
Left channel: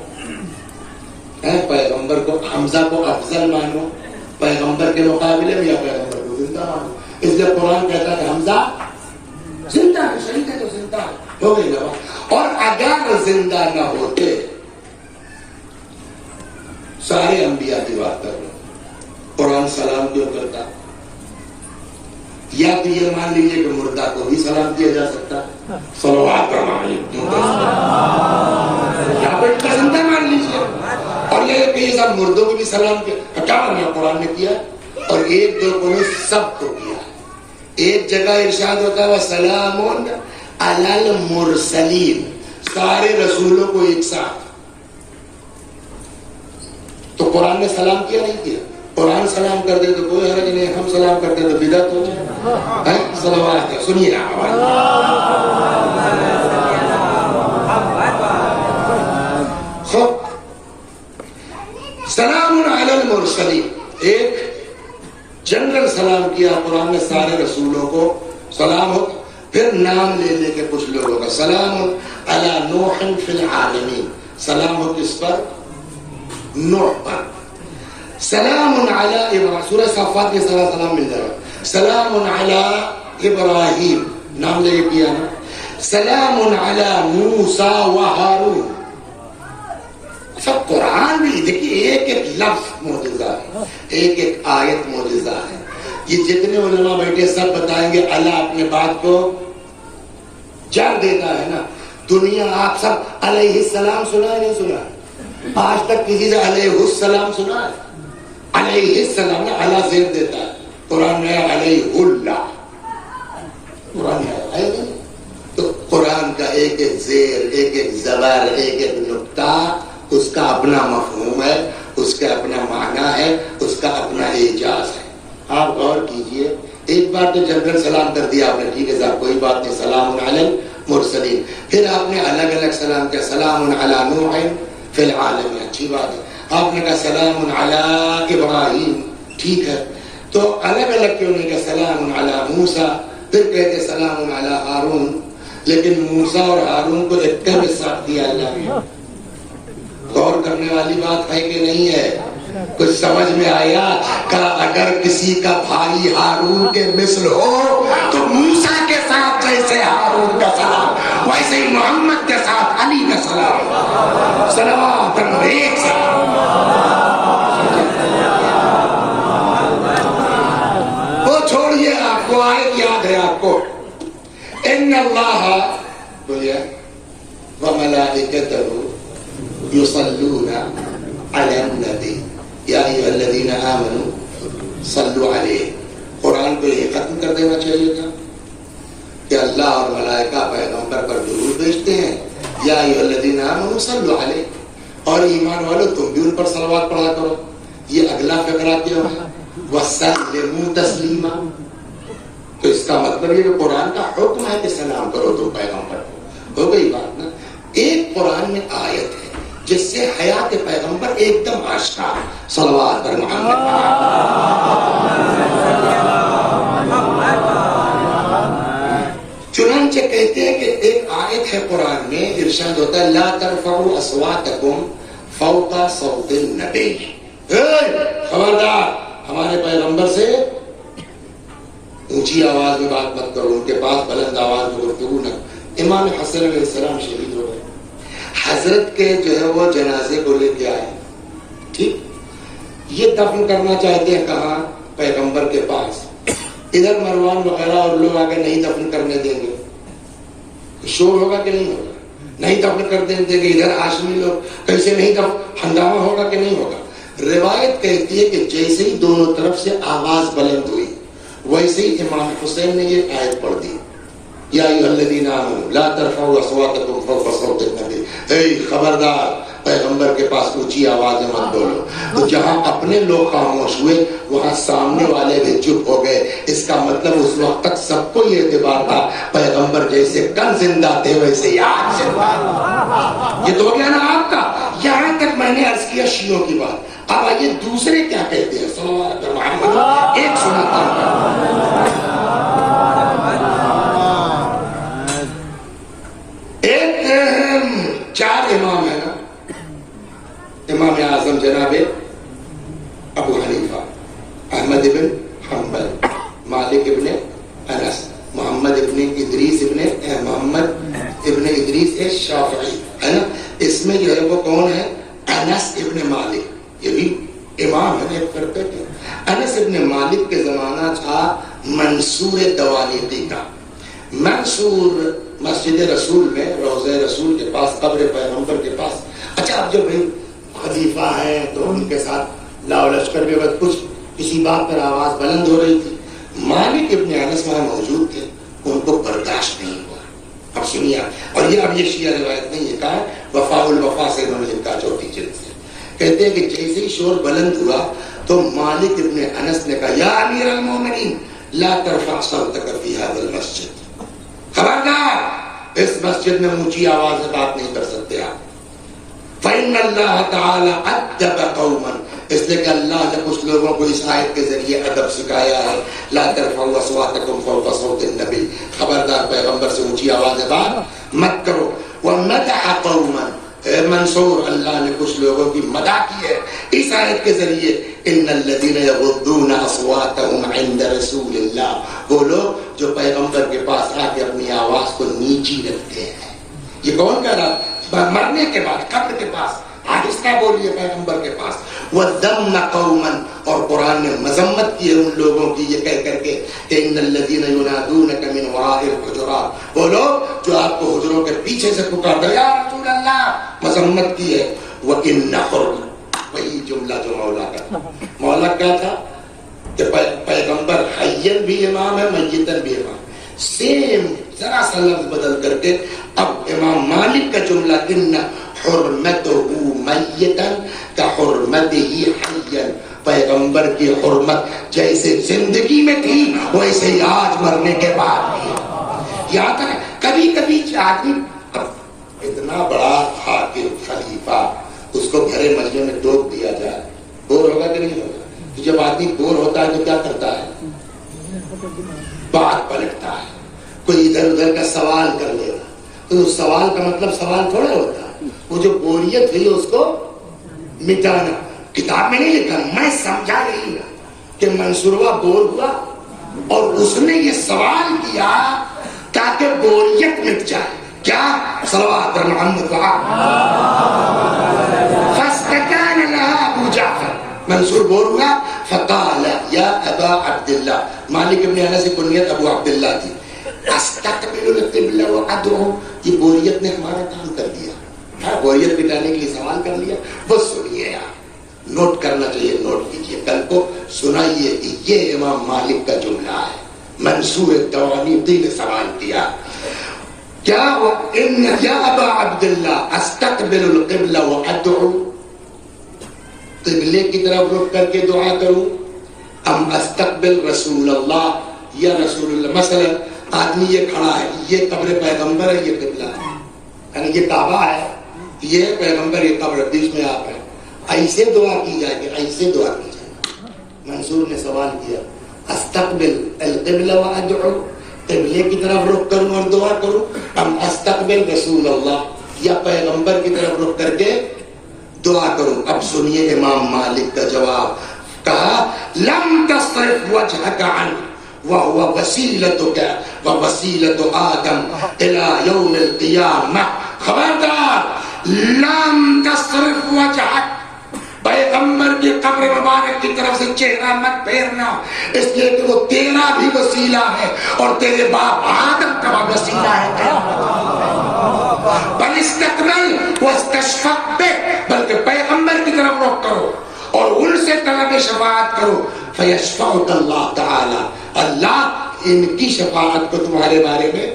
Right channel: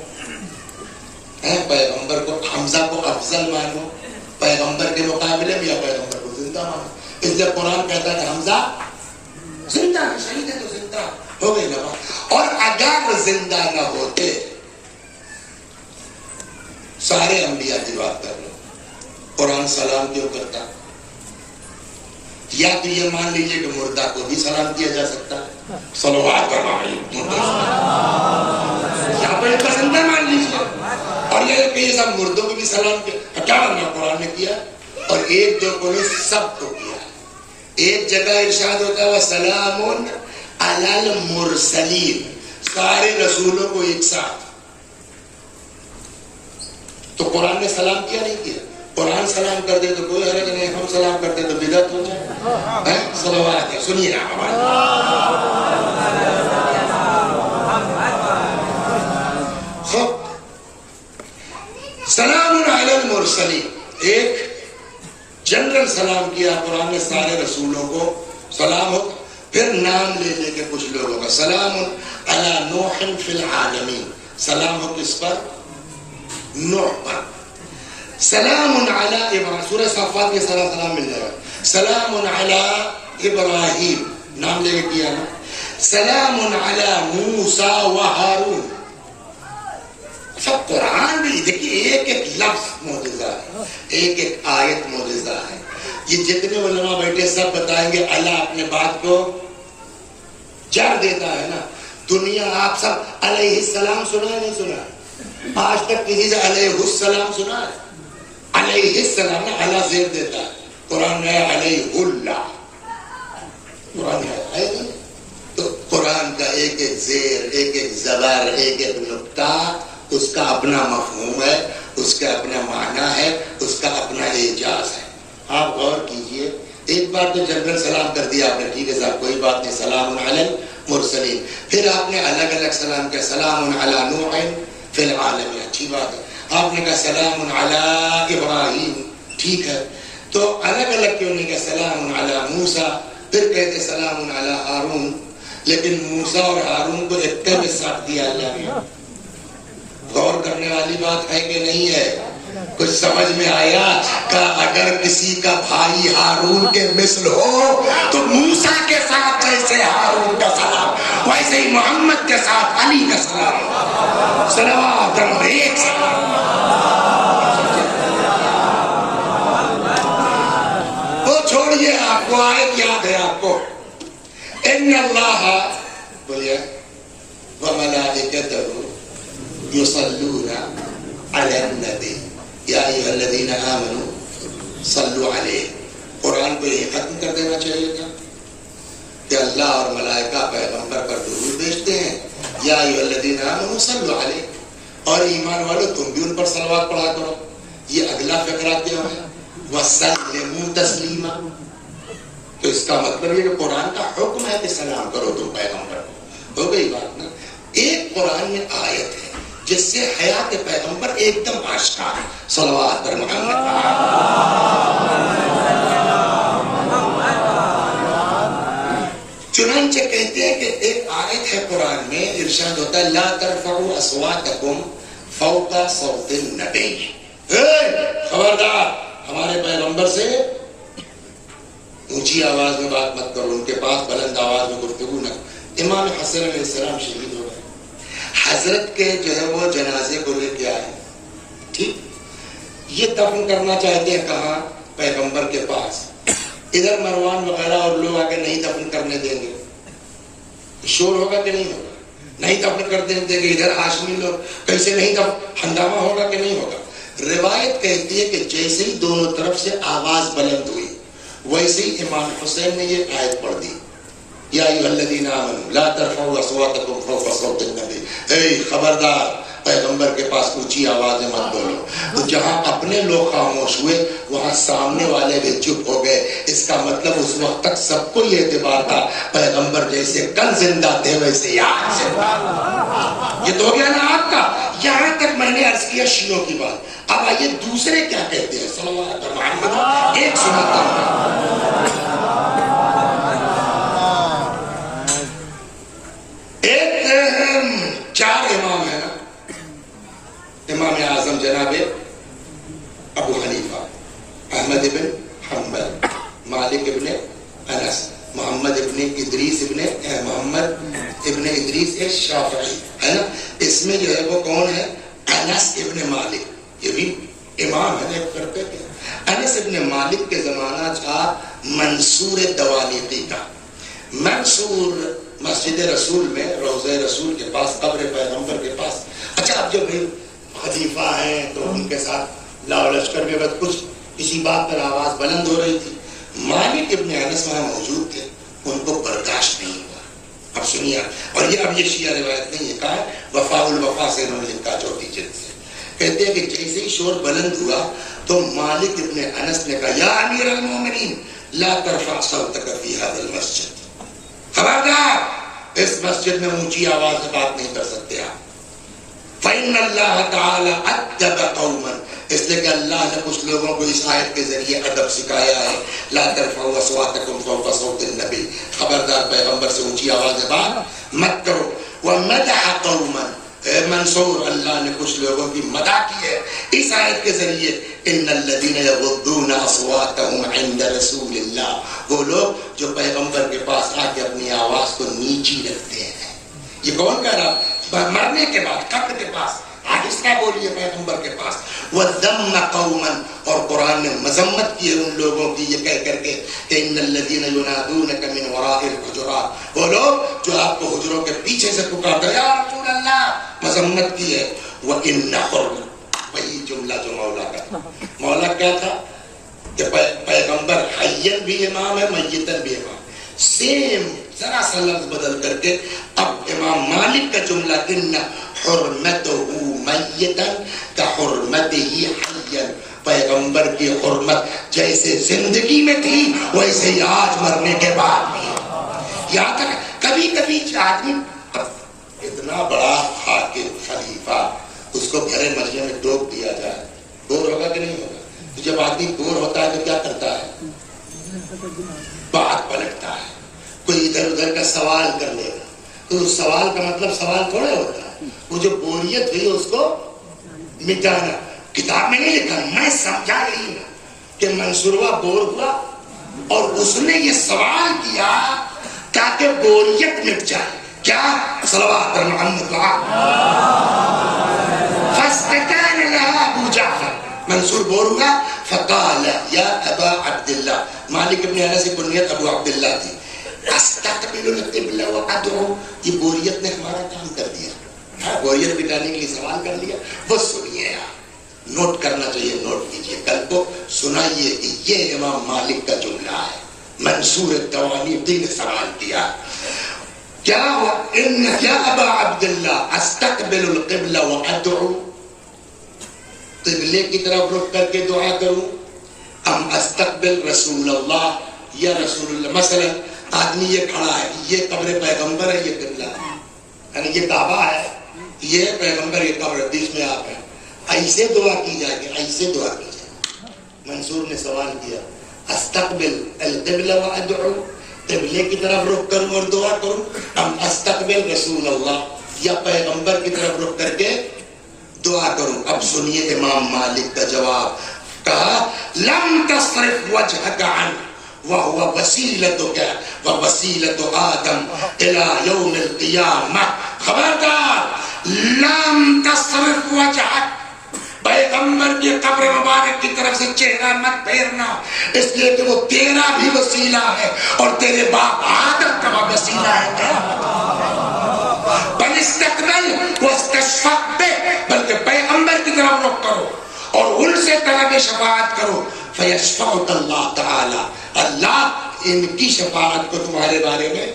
پیغمبر کو، حمزہ کو افضل مانو پیغمبر کے مقابلے میں، یا پیغمبر کو زندہ مانو. اس لیے قرآن کہتا ہے کہ حمزہ زندہ ہے، شہید ہے تو زندہ ہو گئی نا. اور اگر زندہ نہ ہوتے، سارے انبیاء کی بات کر لو، قرآن سلام کیوں کرتا؟ یا تو یہ مان لیجئے کہ مردہ کو بھی سلام کیا جا سکتا ہے، صلوات پر یا تو ایک زندہ مان لیجئے، اور یہ کہ یہ سب مردوں کو بھی سلام کیا. ہٹا میں قرآن میں کیا، اور ایک دو کو نہیں سب کو کیا. ایک جگہ ارشاد ہوتا ہے وَسَلَامٌ عَلَى الْمُرْسَلِينَ، سارے رسولوں کو ایک ساتھ. تو قرآن نے سلام کیا نہیں کیا؟ قرآن سلام کر دے تو کوئی حرج نہیں، ہم سلام کرتے تو بدعت ہو جائے. صلوات ہے، سنیے سلام علی المرسلین، ایک جنرل سلام کیا قرآن نے سارے رسولوں کو سلام ہو. پھر نام لے لے کے کچھ لوگوں کا، سلام علی نوح فی العالمین، سلام ہو کس پر؟ نوح پر. سلام علی ابراہیم، سورہ صافات کے سلام مل جائے گا. سلام علی ابراہیم، نام لے کے کیا نا. سلام علی موسیٰ و ہارون. سب قرآن میں دیکھیے ایک ایک لفظ معجزہ ہے، ایک ایک آیت معجزہ ہے. یہ جتنے علماء بیٹھے سب بتائیں گے اللہ اپنے بات کو جڑ دیتا ہے نا. دنیا آپ سب علیہ السلام سنا ہے نہیں سنا ہے؟ آج تک کسی سے علیہ السلام سنا ہے؟ علیہ السلام نا اللہ زیر دیتا ہے. قرآن میں علیہ اللہ، قرآن ہے نہیں. تو قرآن کا ایک ایک زیر، ایک ایک زبر، ایک ایک نقطہ، اس کا اپنا مفہوم ہے، اس کا اپنا معنی ہے، اس کا اپنا اعجاز ہے. آپ غور کیجئے، ایک بار تو جنرل سلام کر دیا آپ نے، ٹھیک ہے صاحب کوئی بات نہیں، سلام علی المرسلین. پھر آپ نے الگ الگ سلام کیا، سلام علی نوح فی العالمین، اچھی بات ہے. آپ نے کہا سلام علی ابراہیم، ٹھیک ہے. تو الگ الگ کیوں نہیں کہا سلام علی موسیٰ، پھر کہتے سلام علی ہارون. لیکن موسیٰ اور ہارون کو ایک کے ساتھ دیا اللہ نے. غور کرنے والی بات ہے کہ نہیں ہے؟ کچھ سمجھ میں آیا کہ اگر کسی کا بھائی ہارون کے مثل ہو تو موسیٰ کے ساتھ جیسے ہارون کا سلام، ویسے ہی محمد کے ساتھ علی کا سلام، صلوات ایک سلام۔ وہ چھوڑیے، آپ کو آیت یاد ہے آپ کو، ان اللہ بولیے وملائکتہ یصلون علی النبی یا ایھا الذین آمنوا صلوا علیہ۔ قرآن کو یہ ختم کر دینا چاہیے تھا کہ اللہ اور ملائکہ پیغمبر پر درود بھیجتے ہیں، یا ایھا الذین آمنوا صلوا علیہ، اور ایمان والو تم بھی ان پر صلوات پڑھا کرو۔ یہ اگلا فقرہ کیا ہے؟ وسلموا تسلیما۔ تو اس کا مطلب یہ کہ قرآن کا حکم ہے کہ سلام کرو تم پیغمبر کو۔ ہو گئی بات نا؟ ایک قرآن میں آیت ہے جس سے حیات پیغمبر ایک دم آشکار ہے، صلوات پر محمد۔ چنانچہ کہتے ہیں کہ ایک آیت ہے قرآن میں، ارشاد ہوتا ہے لا ترفعوا اصواتکم فوق صوت النبی۔ خبردار، ہمارے پیغمبر سے اونچی آواز میں بات مت کرو، ان کے پاس بلند آواز میں گفتگو نہ۔ امام حسن علیہ السلام شہید ہو گئے، حضرت کے جو ہے وہ جنازے کو لے کے آئے، ٹھیک، یہ دفن کرنا چاہتے ہیں کہاں؟ پیغمبر کے پاس۔ ادھر مروان وغیرہ اور لوگ آگے نہیں دفن کرنے دیں گے، شور ہوگا کہ نہیں ہوگا؟ نہیں دفن کر دیں گے۔ ادھر ہاشمی لوگ کیسے نہیں دفن، ہنگامہ ہوگا کہ نہیں ہوگا؟ روایت کہتی ہے کہ جیسے ہی دونوں طرف سے آواز بلند ہوئی، ویسے ہی امام حسین نے یہ آیت پڑھ دی، یا ایھا الذین آمنوا لا ترفعوا اصواتکم فوق صوت النبی۔ اے خبردار، پیغمبر کے پاس اونچی آواز میں مت بولو۔ تو جہاں اپنے لوگ خاموش ہوئے وہاں سامنے والے بھی چپ ہو گئے۔ اس کا مطلب اس وقت تک سب کو یہ اعتبار تھا پیغمبر جیسے کل زندہ تھے ویسے یاد زندہ۔ یہ تو ہو گیا نا آپ کا۔ یہاں تک میں نے عرض کیا شیعوں کی بات۔ اب آئیے دوسرے کیا کہتے ہیں، صلوات محمد۔ ایک سنتا چار امام ہے نا، امام اعظم جناب ابو حنیفہ، احمد ابن حنبل، مالک ابن انس، محمد ابن ادریس شافعی، ہے نا؟ اس میں جو ہے وہ کون ہے؟ انس ابن مالک، یہ بھی امام ہے ایک فرقے کے۔ انس ابن مالک کے زمانہ تھا منصور دوالیقی کا۔ منصور مسجد رسول میں، روضہ رسول کے پاس، قبر پیغمبر کے پاس۔ اچھا، اب جو بھائی خلیفہ ہیں تو ان کے ساتھ لاؤ لشکر کے بعد کچھ کسی بات پر آواز بلند ہو رہی تھی، مالک ابن انس وہاں موجود تھے، ان کو برداشت نہیں ہوا۔ اب سنیے، اور یہ اب یہ شیعہ روایت نہیں، یہ کہا ہے وفاء الوفا سے انہوں نے لکھا، چوتھی جلد سے۔ کہتے ہیں کہ جیسے ہی شور بلند ہوا تو مالک ابن انس نے کہا یا امیر المومنین لا ترفع صوتک فی ھذا المسجد۔ خبردار، اس مسجد میں اونچی آواز میں بات نہیں کر سکتے آپ۔ فإن اللہ تعالی ادب قوما، اس لیے کہ اللہ نے کچھ لوگوں کو اس آیت کے ذریعے ادب سکھایا ہے۔ لا ترفعوا اصواتکم فوق صوت النبی، خبردار پیغمبر سے اونچی آواز میں بات مت کرو۔ ومدح قوما، منصور، اللہ نے کچھ لوگوں کی مدح کی ہے اس آیت کے ذریعے۔ ان الذین یغضون اصواتهم عند رسول اللہ، وہ لوگ جو پیغمبر کے پاس آ کے اپنی آواز کو نیچی رکھتے ہیں۔ یہ کون کہہ رہا؟ مرنے کے بعد، قبر کے پاس آہستہ بولیے پیغمبر کے پاس۔ وذم قوما، اور قرآن نے مذمت کی ہے ان لوگوں کی یہ کہہ کر کے کہ ان الذین ینادونک من وراء الحجرات، وہ لوگ جو آپ کو حجروں کے پیچھے سے پکارتے ہیں یا رسول اللہ، مذمت کی ہے۔ وَإِنَّ، وہی جملہ جو مولا کا، مولا کیا تھا کہ پیغمبر حیّن بھی امام ہے، میتن بھی امام، سیم ذرا سا لفظ بدل کر کے اب امام مالک کا جملہ ان حرمتہ میتن کا حرمتہ حیّن، پیغمبر کی حرمت جیسے زندگی میں تھی ویسے ہی آج مرنے کے بعد بھی۔ یہاں تک کبھی کبھی آدمی اتنا بڑا حاکم خلیفہ، اس کو گھرے مجلے میں ٹوک دیا جائے، بور ہوگا کہ نہیں ہوگا؟ تو جب آدمی بور ہوتا ہے تو کیا کرتا ہے؟ بات پلٹتا ہے، کوئی ادھر ادھر کا سوال کر لے گا، تو اس سوال کا مطلب سوال تھوڑا ہوتا ہے، وہ جو بوریت ہوئی اس کو مٹانا۔ کتاب میں نہیں لکھا، میں سمجھا رہی ہوں کہ منصورہ بور ہوا اور اس نے یہ سوال کیا تاکہ بوریت مٹ جائے۔ کیا صلوات پر محمد فاستكان لها ابو جعفر، منصور بول ہوا فقال یا ابا عبداللہ، مالک ابن انس کی کنیت ابو عبداللہ تھی، استقبل القبلہ وادعو، یہ بوریت نے ہمارا کام کر دیا، بوریت بٹانے کے لیے سوال کر لیا. بس سنیے یار، نوٹ کرنا چاہیے، نوٹ کیجیے، کل کو سنائیے کہ یہ امام مالک کا جملہ ہے. منصور التوانیقی نے سوال کیا، کیا ان یا ابا عبداللہ استقبل القبلہ وادعو، قبلے کی طرف رخ کر کے دعا کروں، ام استقبل رسول اللہ، یا رسول اللہ. مثلا آدمی یہ کھڑا ہے، یہ قبر پیغمبر ہے، یہ قبلہ ہے، یعنی یہ کعبہ ہے، یہ پیغمبر، یہ قبر، بیچ میں آپ ہیں، ایسے دعا کی جائے گی، ایسے دعا کی جائے. منصور نے سوال کیا استقبل القبلہ وادعو، قبلے کی طرف رخ کروں اور دعا کروں، ام استقبل رسول اللہ، یا پیغمبر کی طرف رخ کر کے دعا کروں. اب سنیے امام مالک کا جواب، کہا لم تصرف وجهك عنه وهو وسيلتك ووسيلة آدم إلى يوم القيامة. خبردار، لم تصرف وجهك، پیغمبر کی قبر مبارک کی طرف سے چہرہ مت پھیرنا، اس لیے کہ وہ تیرا بھی وسیلہ ہے اور تیرے باپ آدم کا وسیلہ ہے. بل استقبل واستشفق بہ، بلکہ پیغمبر کی طرف رخ کرو اور ان سے طلب شفاعت کرو. فیشفعک اللہ تعالی، اللہ ان کی شفاعت کو تمہارے بارے میں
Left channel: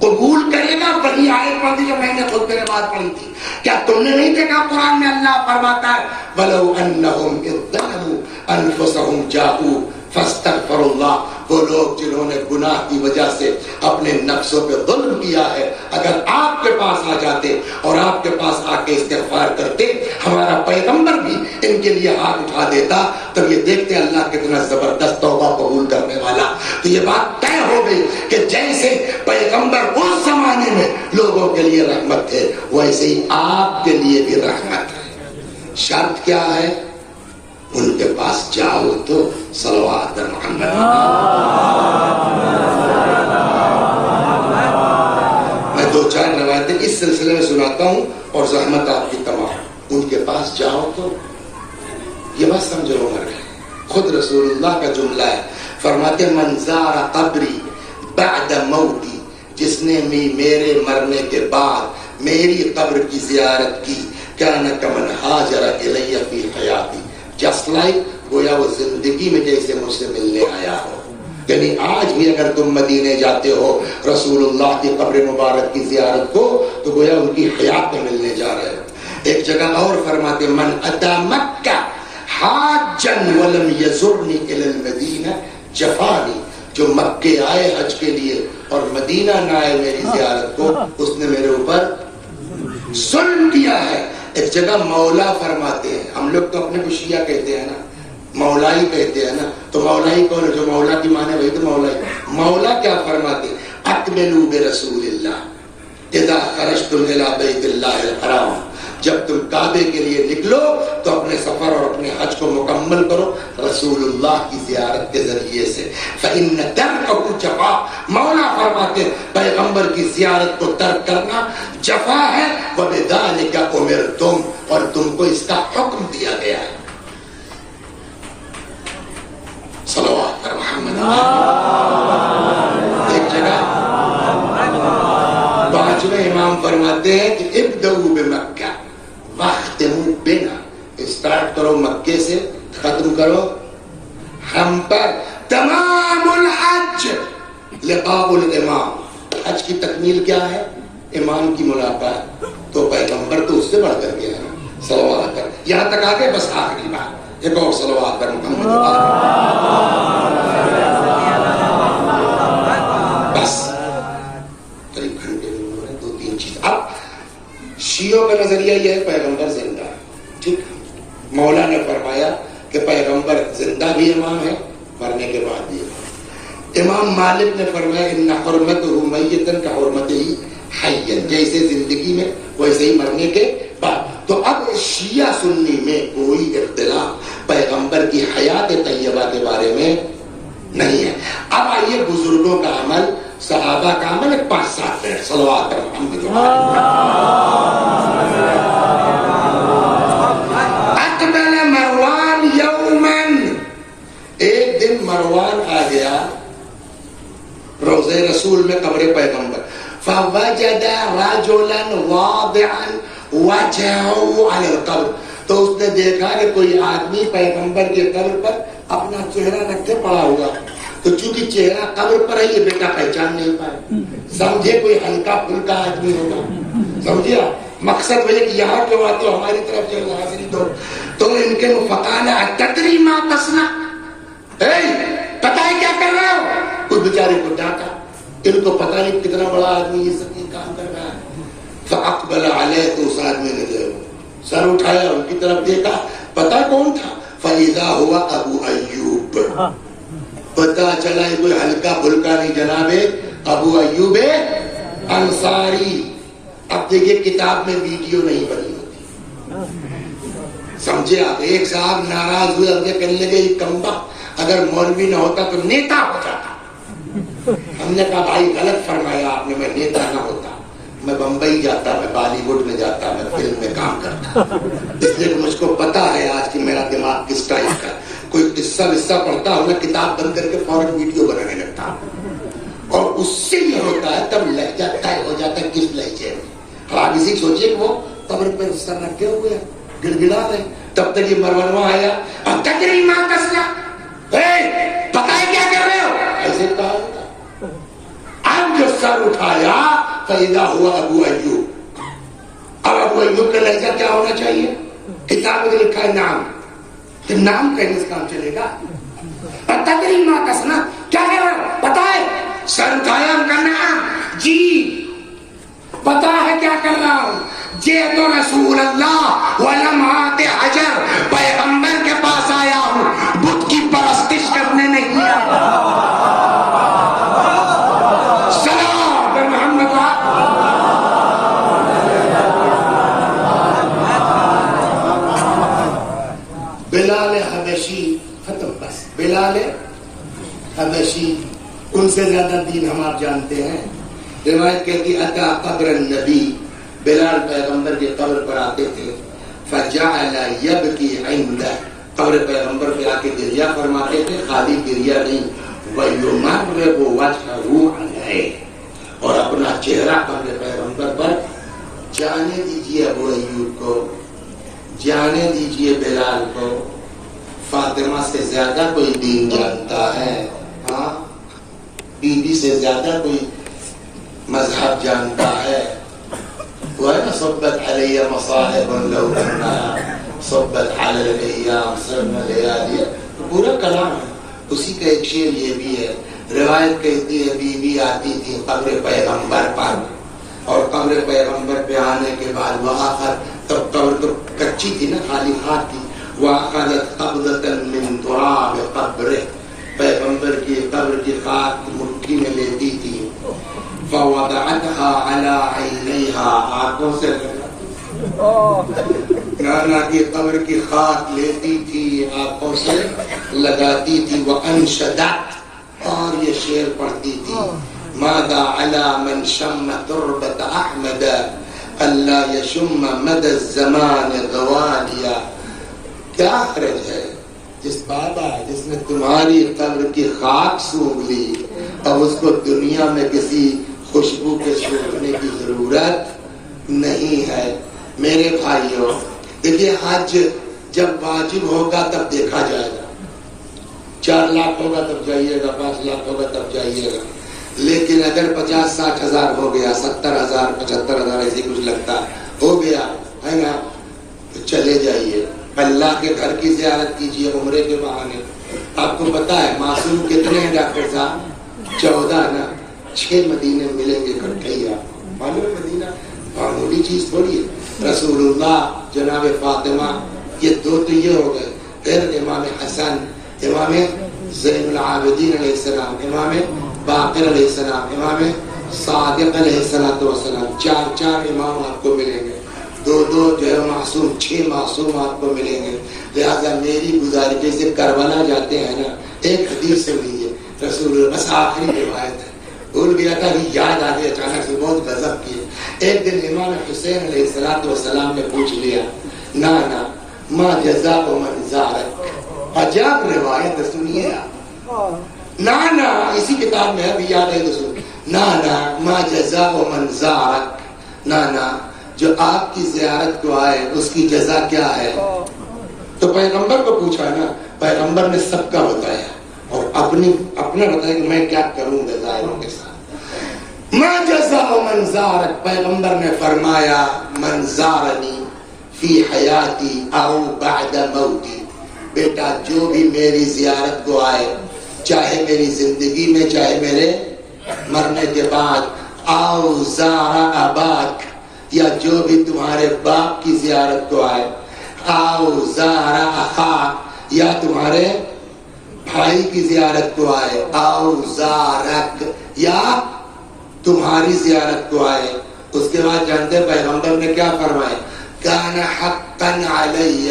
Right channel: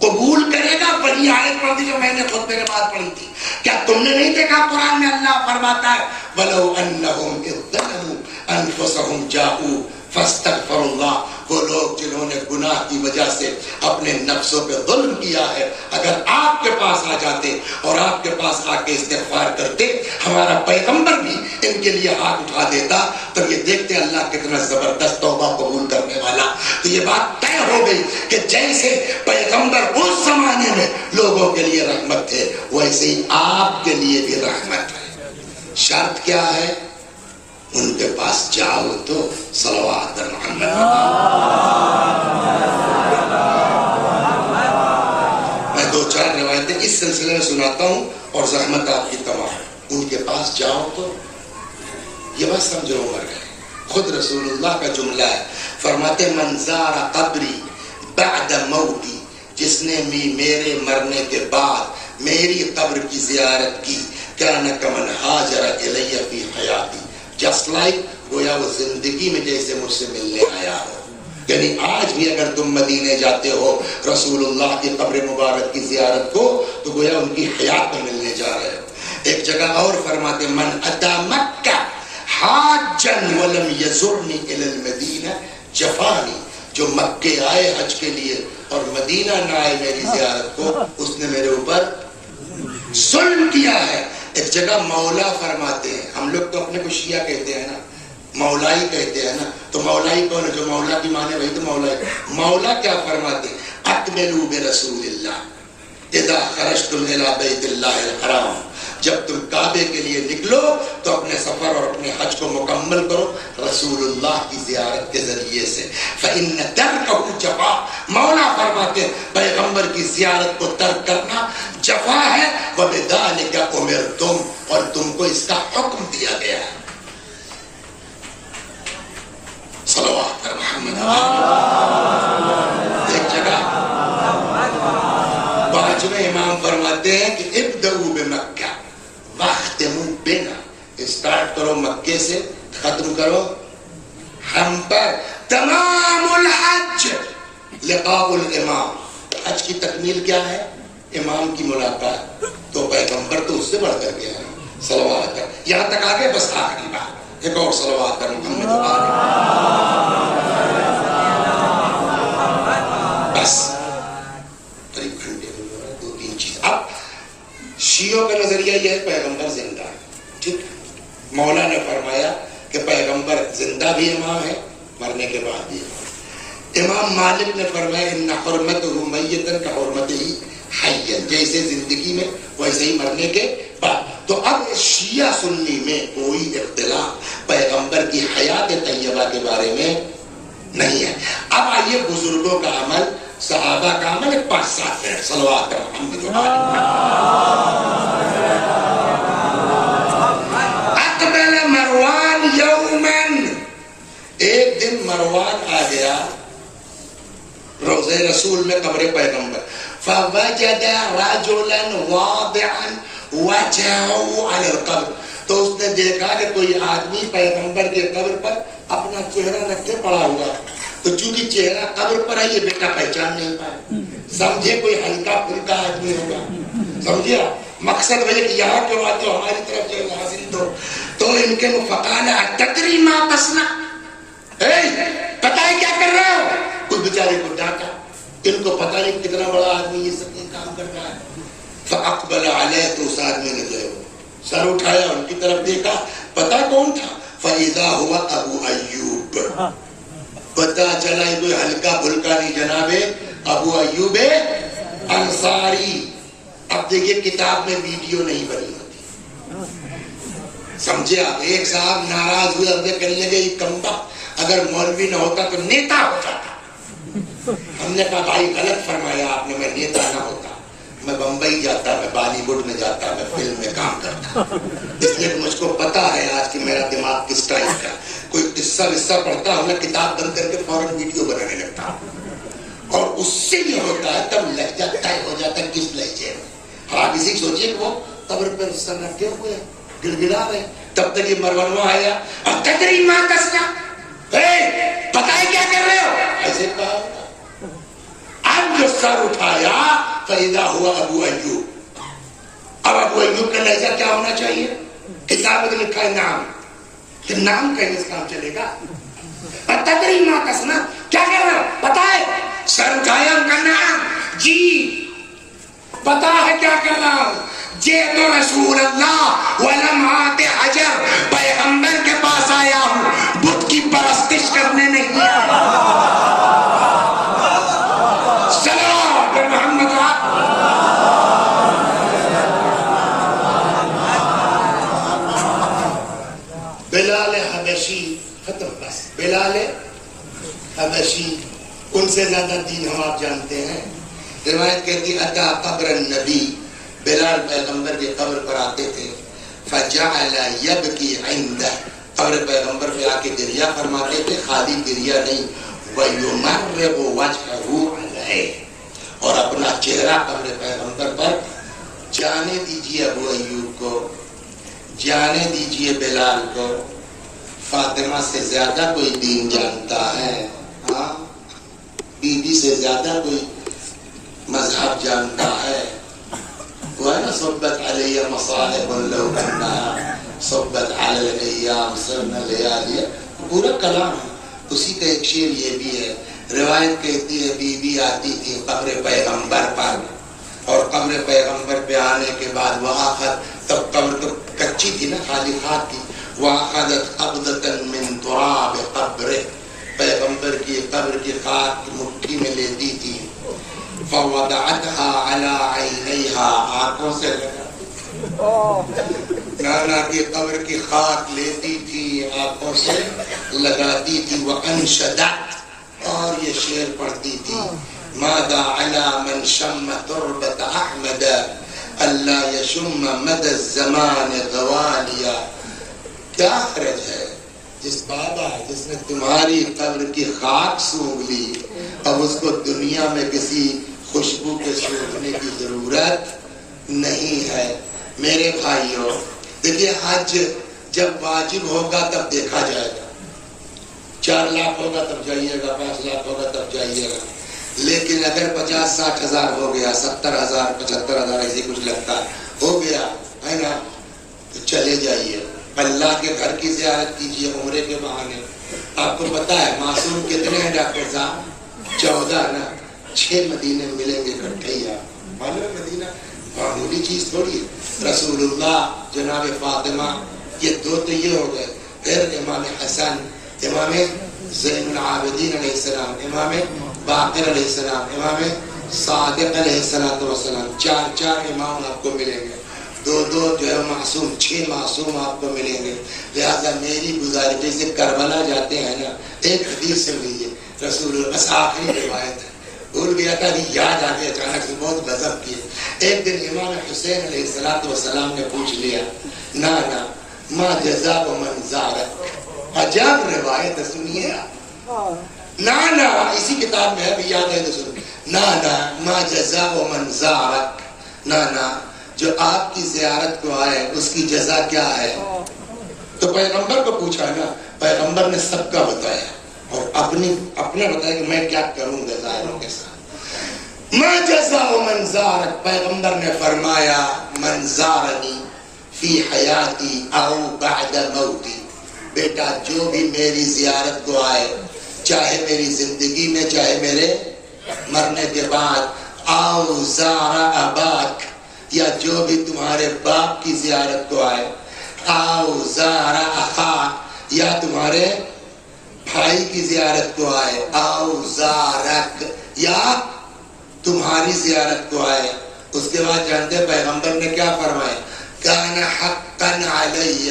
قبول کرے گا. وہی آیت پڑھ دی جو میں نے خود میرے بات پڑھی تھی. کیا تم نے نہیں دیکھا قرآن میں اللہ فرماتا ہے وَلَوْ أَنَّهُمْ إِذْ ظَلَمُوا أَنفُسَهُمْ جَاءُوا فَاسْتَغْفَرُوا اللَّهَ، وہ لوگ جنہوں نے گناہ کی وجہ سے اپنے نفسوں پہ ظلم کیا ہے، اگر آپ کے پاس آ جاتے اور آپ کے پاس آ کے استغفار کرتے، ہمارا پیغمبر بھی ان کے لیے ہاتھ اٹھا دیتا، تو یہ دیکھتے اللہ کتنا زبردست توبہ قبول کرنے والا. تو یہ بات طے ہو گئی کہ جیسے پیغمبر اس زمانے میں لوگوں کے لیے رحمت تھے، ویسے ہی آپ کے لیے بھی رحمت ہے. شرط کیا ہے؟ ان کے پاس جاؤ تو صلوات پر محمد. میں دو چار روایتیں اس سلسلے میں سناتا ہوں اور زحمت آپ کی تمام. ان کے پاس جاؤ تو، یہ بات سمجھو عمر، خود رسول اللہ کا جملہ ہے، فرماتے من زار قبری بعد موتی، جس نے میرے مرنے کے بعد میری قبر کی زیارت کی، کان کمن ہاجر الی فی حیاتی، جسٹ لائک گویا وہ زندگی میں جیسے مجھ سے ملنے آیا ہو. یعنی آج بھی اگر تم مدینے جاتے ہو رسول اللہ کی قبر مبارک کی زیارت کو، تو گویا ان کی حیات میں ملنے جا رہے ہو. ایک جگہ اور فرماتے من اتی مکہ حاجا ولم یزرنی الی المدینہ جفانی، جو مکے آئے حج کے لیے اور مدینہ نہ آئے میری زیارت کو، اس نے میرے اوپر ظلم کیا ہے. ایک جگہ مولا فرماتے ہیں، ہم لوگ تو اپنے کو شیعہ کہتے ہیں نا، مولائی کہتے ہیں نا، تو مولائی کون ہے؟ جو مولا کی مانے وہی تو مولائی. مولا کیا فرماتے ہیں؟ اقبلوا برسول اللہ اذا خرجتم الی بیت اللہ الحرام، جب تم کعبے کے لیے نکلو تو اپنے سفر اور اپنے حج کو مکمل کرو رسول اللہ کی زیارت کے ذریعے سے. فإن ترکہ جفا، مولا فرماتے ہیں پیغمبر کی زیارت کو ترک کرنا جفا ہے. وبذالک امرتم، اور تم کو اس کا حکم دیا گیا ہے. صلوات پر محمد. ایک جگہ پانچویں امام فرماتے ہیں کہ ابدؤوا بمکہ واختموا بنا، اسٹارٹ کرو مکے سے، ختم کرو ہم پر. تمام الحج لقاء الامام، حج کی تکمیل کیا ہے؟ امام کی ملاقات. تو پیغمبر تو اس سے بڑھ کر گیا ہے صلوات پر. یہاں تک آگے بس آخری بات، ایک اور صلوات پر محمد. بس قریب گھنٹے میں دو تین چیز. اب شیعوں کا نظریہ یہ ہے پیغمبر زندہ ہے، ٹھیک. مولا نے فرمایا کہ پیغمبر زندہ بھی امام ہے، مرنے کے بعد بھی امام. امام مالک نے فرمایا ان حرمتہ میتا کحرمتہ حیا، جیسے زندگی میں ویسے ہی مرنے کے بعد. تو اب شیعہ سنی میں کوئی اختلاف پیغمبر کی حیات طیبہ کے بارے میں نہیں ہے. اب آئیے بزرگوں کا عمل صحابہ کا عمل 5-7 منٹ صلوات محمد اقبل مروان یومن، ایک دن مروان آ گیا روضہ رسول میں قبر پیغمبر، فوجد رجلا واضعا وجهه على القبر، تو اس نے دیکھا کہ کوئی آدمی پیغمبر کے قبر پر اپنا چہرہ رکھ کے پڑا ہوا، تو چونکہ چہرہ قبر پر ہے یہ بیٹا پہچان نہیں پائے، سمجھے کوئی ہلکا پھلکا آدمی ہوگا، سمجھے مقصد وہی کہ یہاں کیوں آتے ہو ہماری طرف جو حاضری دو، تو ان کے فقال اتدری ما تصنع، پتہ ہے کیا کر رہے ہو؟ اس بیچارے کو ڈانٹا، ان کو پتہ نہیں کتنا بڑا آدمی یہ سب کام کر رہا ہے، فاقبل علیہ، تو اس آدمی نے جو سر اٹھایا ان کی طرف دیکھا، پتا کون تھا؟ فَإِذَا هُوَ ابو ایوب، پتا چلا ہے کوئی ہلکا پھلکا نہیں جناب ابو ایوب انصاری۔ اب دیکھیے کتاب میں ویڈیو نہیں بنی ہوتی، سمجھے آپ؟ ایک صاحب ناراض ہوئے، اگلے کہنے لگے یہ کمبا اگر مولوی نہ ہوتا تو نیتا ہو جاتا۔ ہم نے کہا بھائی غلط فرمایا آپ نے، میں نیتا نہ ہوتا، میں بمبئی جاتا، میں بالی ووڈ میں جاتا، میں فلم میں کام کرتا، اس لیے کہ مجھ کو پتا ہے آج کہ میرا دماغ کس ٹائپ کا، کوئی قصہ پڑھتا ہوں میں کتاب بند کر کے فوراً ویڈیو بنانے لگتا ہوں، اور اس سے یہ ہوتا ہے تب لہجہ طے ہو جاتا ہے کس لہجے میں۔ آپ اسی سوچیے کہ وہ قبر پہ سر رکھے ہوئے ہیں، گڑگڑا رہے، تب تک یہ مروانوا آیا، تجری ما تصنع، پتا ہے کیا کر رہے ہو؟ ایسے کہا اب جو سر اٹھایا فَإِذَا هُوَ ابو ایوب، اب ابو ایوب کا لہجہ کیا ہونا چاہیے؟ کتاب میں لکھا ہے نام، نام کہنے سے کام چلے گا؟ تدری ما تصنع، کیا کر رہا ہو؟ پتا ہے؟ سر اٹھایا ان کا نام، جی پتا ہے کیا کر رہا ہوں؟ جئت رسول اللہ ولمعات حجر، پیغمبر کے پاس آیا ہوں، بت کی پرستش کرنے نہیں آیا۔ بلال حبشی، ختم بس، بلال حبشی، ان سے زیادہ دین ہم آپ جانتے ہیں۔ روایت کہتی اتا قبر النبی، بلال پیغمبر کی قبر پر آتے تھے، فجعل یبکی عندہ، قبر پیغمبر پہ آ کے گریہ فرماتے تھے، خالی گریہ نہیں، ویمرغ وجہہ علیہ، اور اپنا چہرہ قبر پیغمبر پر، جانے دیجیے ابو ایوب کو، جانے دیجیے بلال کو، فاطمہ سے زیادہ کوئی دین جانتا ہے، ہاں بی بی سے زیادہ کوئی مذہب جانتا ہے، وہ ہے نا صبت علیہ مصائب لو کنہا صبت علی الایام سرنا لیالی، پورا کلام ہے، اسی کا ایک شعر یہ بھی ہے۔ روایت کہتی ہے بی بی آتی تھی قبر پیغمبر پر، اور قبر پیغمبر پہ آنے کے بعد وہاں تب قبر تو کچی تھی نا، خالی خاک تھی، وَأَخَذَتْ قَبْضَةً مِّن تُرَابِ قَبْرِهِ، پیغمبر کی قبر کی خاک مٹھی میں لیتی تھی، فَوَضَعَتْهَا عَلَىٰ عَيْنَيْهَا، آنکھوں سے نانا کی قبر کی خاک لیتی تھی، آنکھوں سے لگاتی تھی، وَأَنشَدَتْ، اور یہ شعر پڑھتی تھی، مَاذَا عَلَىٰ مَنْ شَمَّ تُرْبَةَ أَحْمَدَ أَلَّا يَشُمَّ مَدَى الزَّمَانِ غَوَالِيَا، کیا حرج ہے جس بابا جس نے تمہاری قبر کی خاک سونگ لی، اب اس کو دنیا میں کسی خوشبو کے سونگنے کی ضرورت نہیں ہے۔ میرے بھائیوں دیکھیے، حج جب واجب ہوگا تب دیکھا جائے گا، 4 لاکھ ہوگا تب جائیے گا، 5 لاکھ ہوگا تب جائیے گا، لیکن اگر 50-60 ہزار ہو گیا، 70,000 75,000 ایسے کچھ لگتا ہو گیا ہے نا، تو چلے جائیے، اللہ کے گھر کی زیارت کیجیے عمرے کے بہانے۔ آپ کو پتا ہے معصوم کتنے ہیں ڈاکٹر صاحب؟ 14 نا، 6 مدینے ملیں گے اکٹھے ہی، آپ معلوم ہے مدینہ معمولی چیز تھوڑی ہے، رسول اللہ، جناب فاطمہ، یہ 2 تو یہ ہو گئے، پھر امام حسن، امام زین العابدین علیہ السلام، امام باقر علیہ السلام، امام صادق علیہ السلام، 4 امام آپ کو ملیں گے، 2 جو ہے معصوم، 6 معصوم آپ کو ملیں گے۔ لہٰذا میری گزارش، جیسے کربلا جاتے ہیں نا، ایک حدیث سے لیجیے، رسول اللہ، بس آخری روایت ہے، بھول گیا تھا کہ یاد آ گئی اچانک سے، بہت غضب کی. ایک دن امام حسین علیہ السلام نے پوچھ لیا، نانا ما جزاء من زارک. عجب روایت سنیے نانا، اسی کتاب میں ہے، یاد ہے تو سن. نانا ما جزاء من زارک، نانا جو آپ کی زیارت کو آئے اس کی جزا کیا ہے؟ تو پیغمبر کو پوچھا نا، پیغمبر نے سب کا بتایا اور اپنا بتایا کہ میں کیا کروں گا زائروں کے ساتھ. ما جزاء من زارک، پیغمبر نے فرمایا من زارنی فی حیاتی او بعد موتی، بیٹا جو بھی میری زیارت کو آئے، چاہے میری زندگی میں چاہے میرے مرنے کے بعد، او زار اباک، یا جو بھی تمہارے باپ کی زیارت کو آئے، او زار اخاک، یا تمہارے بھائی کی زیارت کو آئے، او زارک، یا تمہاری زیارت کو آئے. اس کے بعد جانتے پیغمبر نے کیا فرمایا؟ کان حقا علی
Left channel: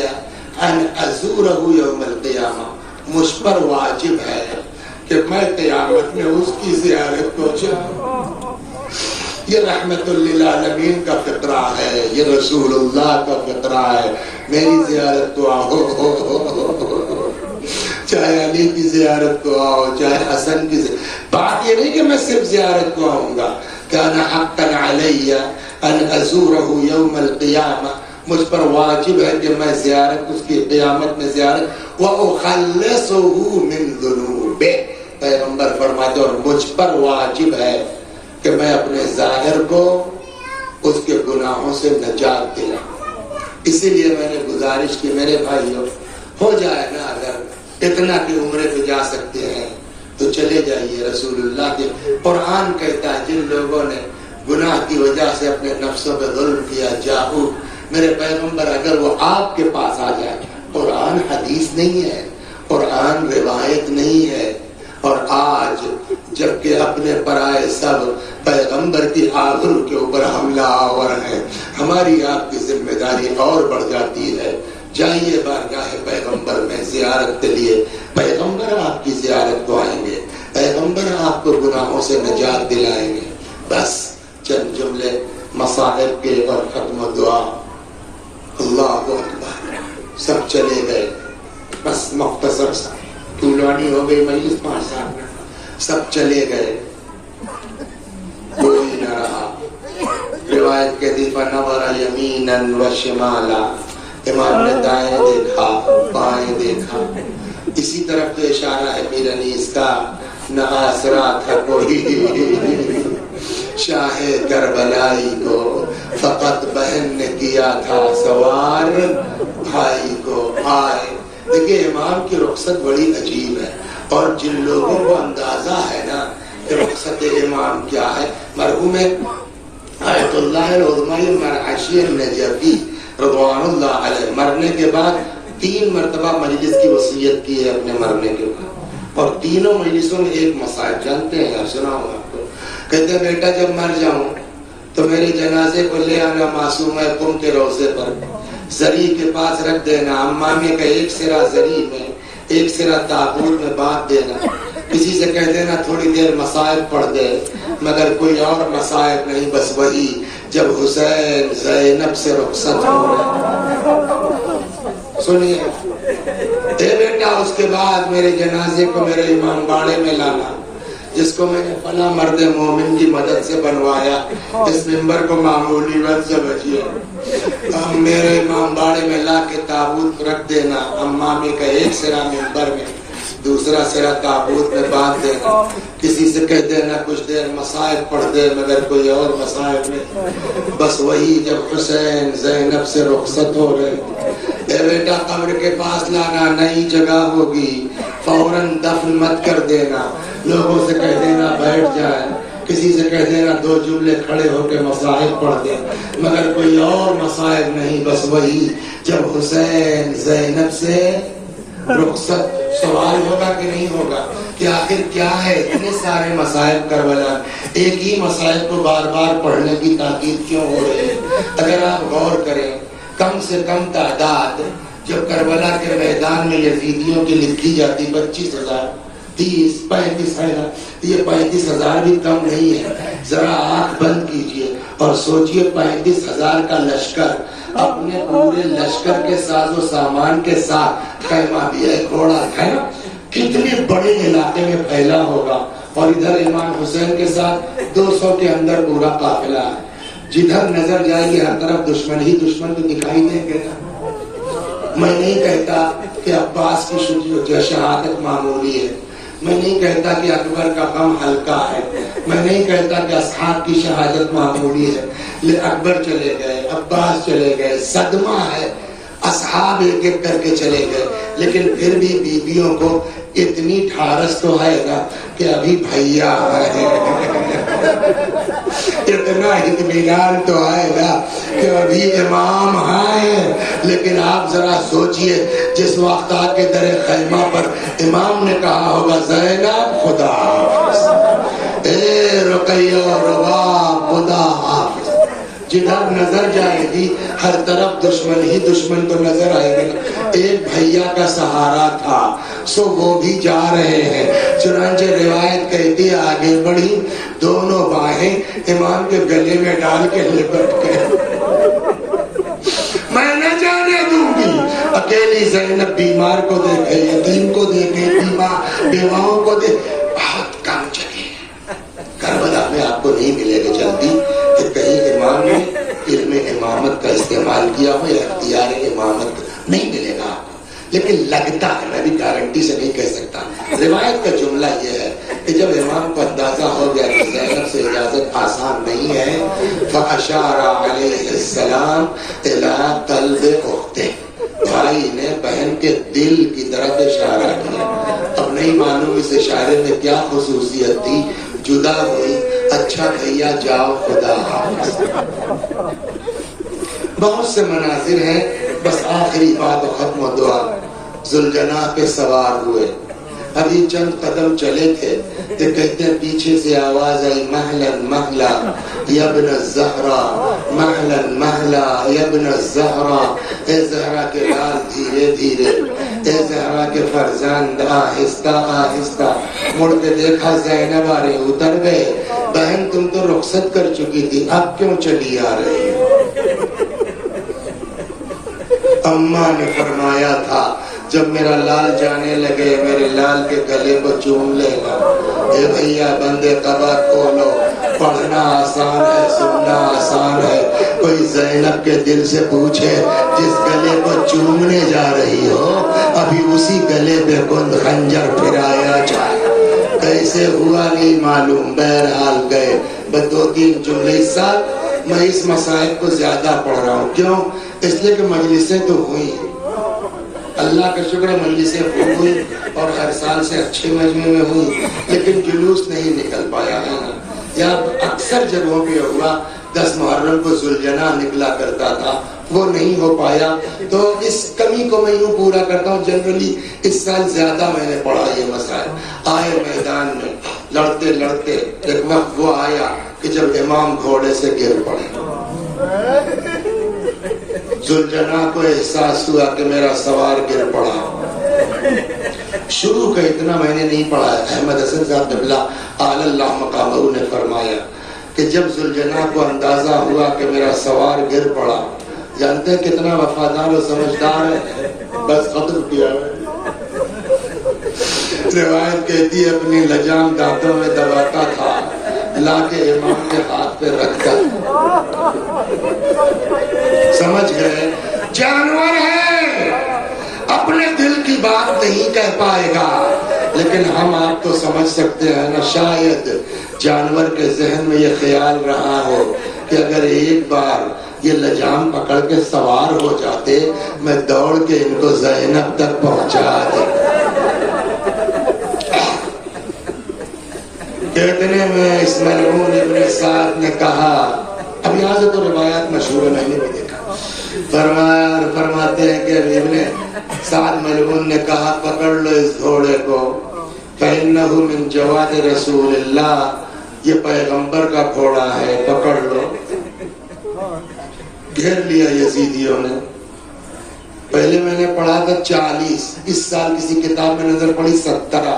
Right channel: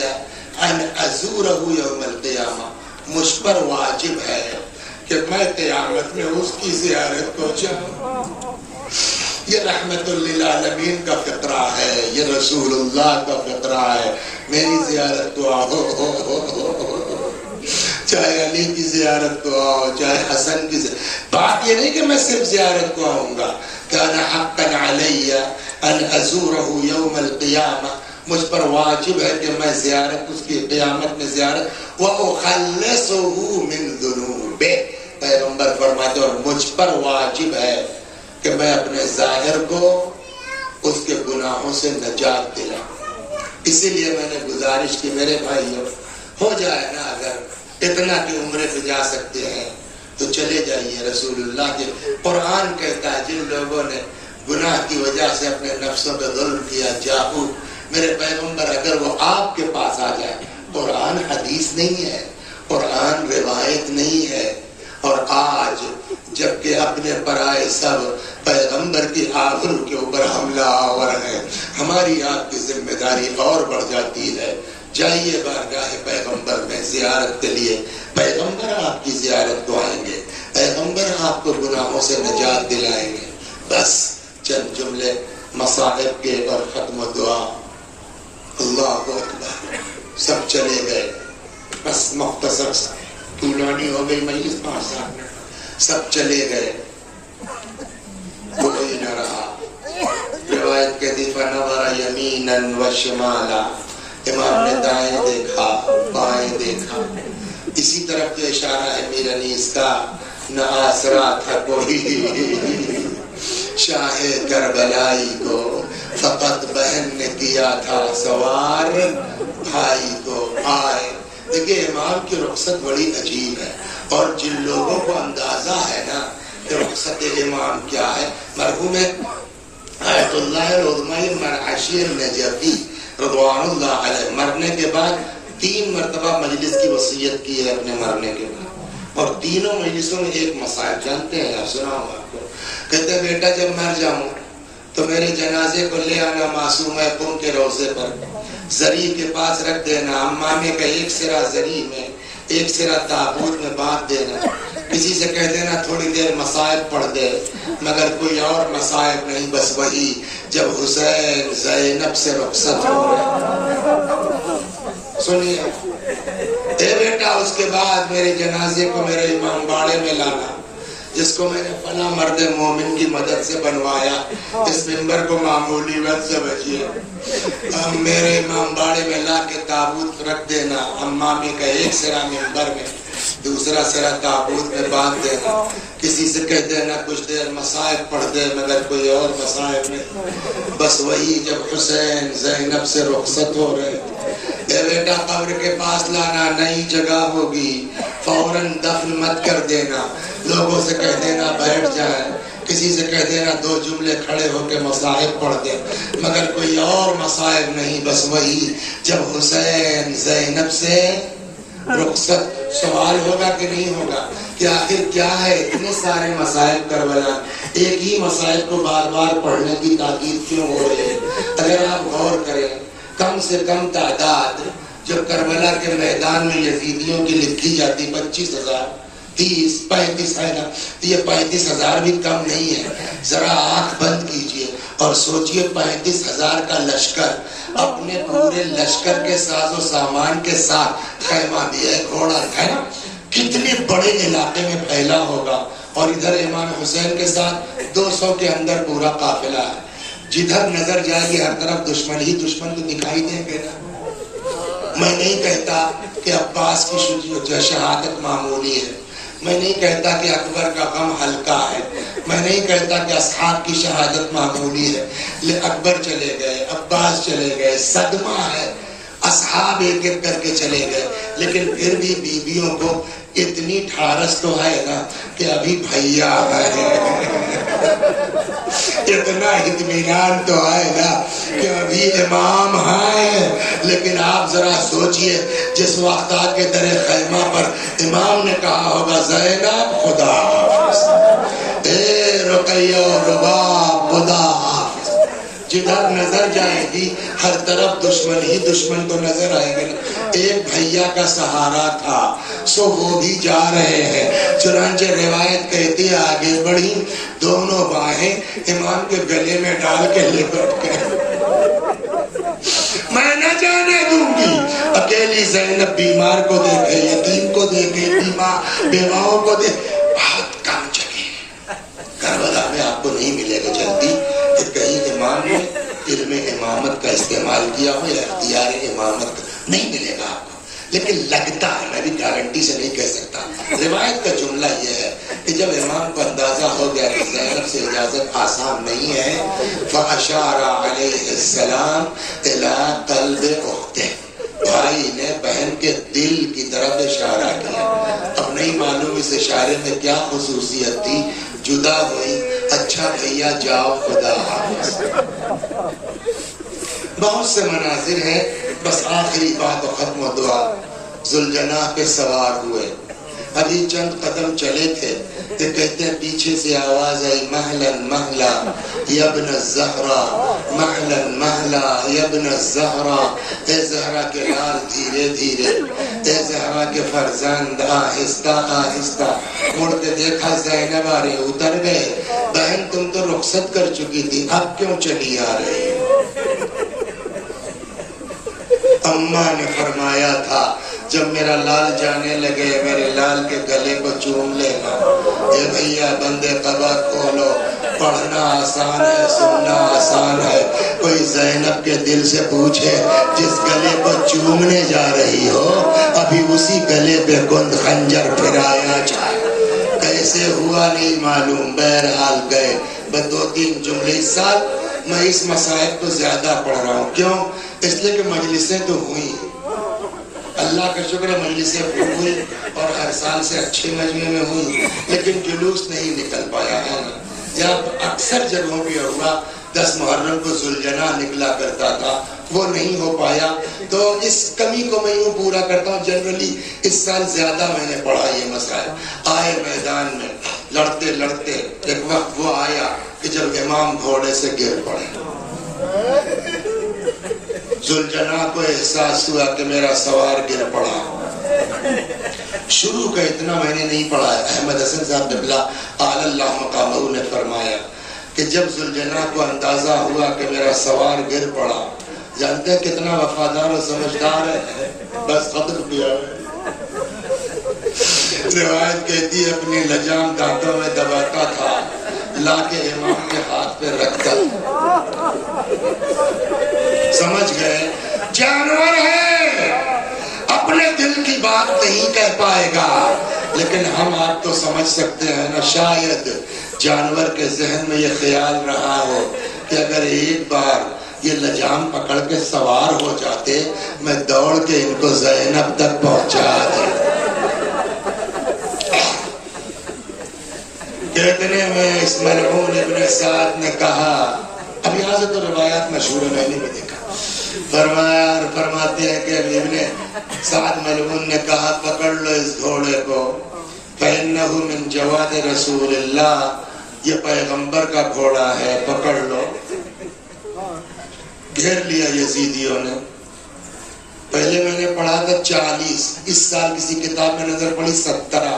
ان ازورہ یوم القیامہ، مجھ پر واجب ہے کہ میں قیامت میں اس کی زیارت کو جاؤں. یہ رحمت للعالمین کا فطرہ ہے، یہ رسول اللہ کا فطرہ ہے. میری زیارت کو آؤ، چاہے علی کی زیارت کو آؤ، چاہے حسن کی زیارت. بات یہ نہیں کہ میں صرف زیارت کو آؤں گا. کان حقا علی ان ازورہ یوم القیامہ، مجھ پر واجب ہے کہ میں زیارت اس کی قیامت میں زیارت وَأُخَلِّصُهُ مِن ذُنُوبِهِ، پیغمبر فرماتے اور مجھ پر واجب ہے کہ میں اپنے ظاہر کو اس کے گناہوں سے نجات دے. اسی لیے میں نے گزارش کی میرے بھائیوں، ہو جائے نا اگر اتنا کہ عمرے سے جا سکتے ہیں تو چلے جائیے. رسول اللہ کے قرآن کہتا ہے جن لوگوں نے گناہ کی وجہ سے اپنے نفسوں پہ ظلم کیا، جاؤ میرے پیغمبر اگر وہ آپ کے پاس آ جائے، قرآن حدیث نہیں ہے، قرآن روایت نہیں ہے، اور آج جبکہ اپنے پرائے سب پیغمبر کی آبرو کے اوپر حملہ آور ہے، ہماری آپ کی ذمہ داری اور بڑھ جاتی ہے. جائیے بارگاہ پیغمبر میں زیارت کے لیے، پیغمبر آپ کی زیارت کو آئیں گے، پیغمبر آپ کو گناہوں سے نجات دلائیں گے. بس چند جملے مصائب کے اور ختم و دعا. اللہ اکبر، سب چلے گئے، بس مختصر سا طولانی ہو گئی مجلس 5 سال، سب چلے گئے، کوئی نہ رہا. روایت کہتی فنظر یمینا و شمالا، امام نے دائیں دیکھا بائیں دیکھا. اسی طرف تو اشارہ ہے میر انیس کا، نہ آسرا تھا کوئی شاہ کربلائی کو، فقط بہن نے کیا تھا سوار بھائی کو. آئے دیکھیں امام کی رخصت بڑی عجیب ہے، اور جن لوگوں کو اندازہ ہے نا کہ رخصت امام کیا ہے، مرحوم آیت اللہ العظمی مرحشی النجفی رضوان اللہ علیہ مرنے کے بعد 3 مرتبہ مجلس کی وصیت کی ہے اپنے مرنے کے بعد، اور تینوں مجلسوں میں ایک مسائل جانتے ہیں، سناؤں آپ کو. کہتے ہیں بیٹا جب مر جاؤں تو میرے جنازے کو لے آنا معصومہ قم کے روضے پر، زری کے پاس رکھ دینا، امامے کا ایک سرا زری میں ایک سرا تابوت میں باندھ دینا. کسی سے کہہ دینا تھوڑی دیر مصائب پڑھ دے، مگر کوئی اور مصائب نہیں، بس وہی جب حسین زینب سے رخصت ہو رہے. سنیے اے بیٹا، اس کے بعد میرے جنازے کو میرے امام باڑے میں لانا، جس کو میں نے فلاں مرد مومن کی مدد سے بنوایا، اس ممبر کو معمولی وقت سے بچیے، میرے امام باڑے میں لا کے تابوت رکھ دینا، امامی کا ایک سرا ممبر میں دوسرا سرا تابوت میں باندھ دینا. کسی سے کہہ دینا کچھ دیر مصائب پڑھ دے، مگر کوئی اور مصائب نہیں، بس وہی جب حسین زینب سے رخصت ہو رہے. اے بیٹا قبر کے پاس لانا، نئی جگہ ہوگی، فوراً دفن مت کر دینا، لوگوں سے کہہ دینا بیٹھ جائے، کسی سے کہہ دینا 2 جملے کھڑے ہو کے مصائب پڑھ دے، مگر کوئی اور مصائب نہیں، بس وہی جب حسین زینب سے رخصت. سوال ہوگا کہ نہیں ہوگا کہ آخر کیا ہے اتنے سارے مصائب کربلا، ایک ہی مصائب کو بار بار پڑھنے کی تاکید کیوں ہو رہی ہے؟ اگر آپ غور کریں، کم سے کم تعداد جب کربلا کے میدان میں یزیدیوں کی لکھی جاتی 25,000، 30-35 ہے نا، یہ 35,000 بھی کم نہیں ہے. ذرا آنکھ بند کیجئے اور سوچئے 35,000 کا لشکر اپنے پورے لشکر کے ساز و سامان کے ساتھ خیمہ دیا ہے، گھوڑا ہے نا، کتنے بڑے علاقے میں پھیلا ہوگا. اور ادھر امام حسین کے ساتھ 200 کے اندر پورا قافلہ ہے. جدھر نظر جائے گی ہر طرف دشمن ہی دشمن تو دکھائی دیں گے. میں نہیں کہتا کہ عباس کی شہادت معمولی ہے، میں نہیں کہتا کہ اکبر کا غم ہلکا ہے، میں نہیں کہتا کہ اصحاب کی شہادت معمولی ہے. اکبر چلے گئے، عباس چلے گئے، صدمہ ہے، اصحاب ایک ایک کر کے چلے گئے، لیکن پھر بھی بیویوں کو اتنی ٹھارس تو ہے نا کہ ابھی بھیا ہے، اتنا اطمینان تو ہے نا کہ ابھی امام ہے. لیکن آپ ذرا سوچئے جس وقت آ کے در خیمہ پر امام نے کہا ہوگا زینب خدا حافظ، اے رقیہ رباب خدا حافظ، جدھر نظر جائے گی ہر طرف دشمن ہی دشمن کو نظر آئے گا. ایک بھیا کا سہارا تھا سو وہ بھی جا رہے ہیں. چنانچہ روایت کہتی آگے بڑھی، دونوں باہیں امام کے گلے میں ڈال کے لپٹ گئے. میں نہ جانے دوں گی. اکیلی زینب بیمار کو دیکھے، یتیم کو دیکھے، بیواؤں کو دیکھے، بہت کم جگہ کربلا میں آپ کو نہیں ملے گا جلدی کہ کہیں امام نے علم امامت کا استعمال کیا ہو یا اختیار امامت نہیں ملے گا آپ کو. لیکن لگتا ہے، میں بھی گارنٹی سے نہیں کہہ سکتا. روایت کا جملہ یہ ہے کہ جب امام کو اندازہ ہو گیا کہ زینب سے اجازت آسان نہیں ہے، فَأَشَارَ عَلَيْهِ السَّلَامُ إِلَىٰ قَلْبِ أُخْتِهِ، بھائی نے بہن کے دل کی طرف اشارہ کیا. اب نہیں معلوم اس اشارے میں کیا خصوصیت تھی. جدا ہوئی، اچھا بھیا جاؤ خدا حافظ. بہت سے مناظر ہیں، بس آخری بات و ختم و دعا. ذوالجناح پہ سوار ہوئے، ابھی چند قدم چلے تھے کہ کہتے ہیں پیچھے سے آواز آئی، مہلن مہلا یا ابن الزہرا، مہلن مہلا یا ابن الزہرا، اے زہرا کے لال دھیرے دھیرے، اے زہرا کے فرزند آہستہ آہستہ. مڑ کے دیکھا زینب آ رہی، اتر گئے. بہن تم تو رخصت کر چکی تھی، اب کیوں چلی آ رہی؟ اماں نے فرمایا تھا جب میرا لال جانے لگے میرے لال کے گلے کو چوم لے گا. اے بھیا بندے قبر کھولو، پڑھنا آسان ہے، سننا آسان ہے. کوئی زینب کے دل سے پوچھے جس گلے کو چومنے جا رہی ہو ابھی اسی گلے پہ گند خنجر پھرایا جائے. کیسے ہوا نہیں معلوم، بہرحال گئے. بس 2-3 جملے. اس سال میں اس مسائل کو زیادہ پڑھ رہا ہوں. کیوں؟ اس لیے کہ مجلسیں تو ہوئی، اللہ کا شکر ہے مجلسیں ہوئی اور ہر سال سے اچھے مجمع میں ہوئی، لیکن جلوس نہیں نکل پایا ہے. یا اکثر جگہوں پہ ہوا 10 محرم کو ذوالجناح نکلا کرتا تھا، وہ نہیں ہو پایا. تو اس کمی کو میں یوں پورا کرتا ہوں. جنرلی اس سال زیادہ میں نے پڑھا یہ مسائل. آئے میدان میں لڑتے لڑتے ایک وقت وہ آیا کہ جب امام گھوڑے سے گر پڑے. ذوالجناح کو احساس ہوا کہ میرا سوار گر پڑا. شروع کا اتنا میں نے نہیں پڑھا. احمد حسن صاحب قبلہ اعلی اللہ مقامہ نے فرمایا کہ جب ذوالجناح کو اندازہ ہوا کہ میرا سوار گر پڑا، جانتے ہیں کتنا وفادار و سمجھدار ہے، بس قدر کیا ہے. روایت کہتی ہے اپنی لجام دانتوں میں دباتا تھا، لا کے امام کے ہاتھ پہ رکھتا. سمجھ گئے؟ جانور ہے، اپنے دل کی بات نہیں کہہ پائے گا، لیکن ہم آپ تو سمجھ سکتے ہیں نا. شاید جانور کے ذہن میں یہ خیال رہا ہو کہ اگر ایک بار یہ لجام پکڑ کے سوار ہو جاتے میں دوڑ کے ان کو زینب تک پہنچا دے. کہنے میں اس ملعون ابن سعد نے کہا، اب یہاں سے تو روایات مشہور ہے، میں نے بھی دیکھا. فرماتے ہیں کہ ابن سعد ملعون نے کہا پکڑ لو اس گھوڑے کو، فإنه من جواد رسول اللہ، یہ پیغمبر کا گھوڑا ہے، پکڑ لو. گھیر لیا یزیدیوں نے. پہلے میں نے پڑھا تھا 40، اس سال کسی کتاب میں نظر پڑی 17.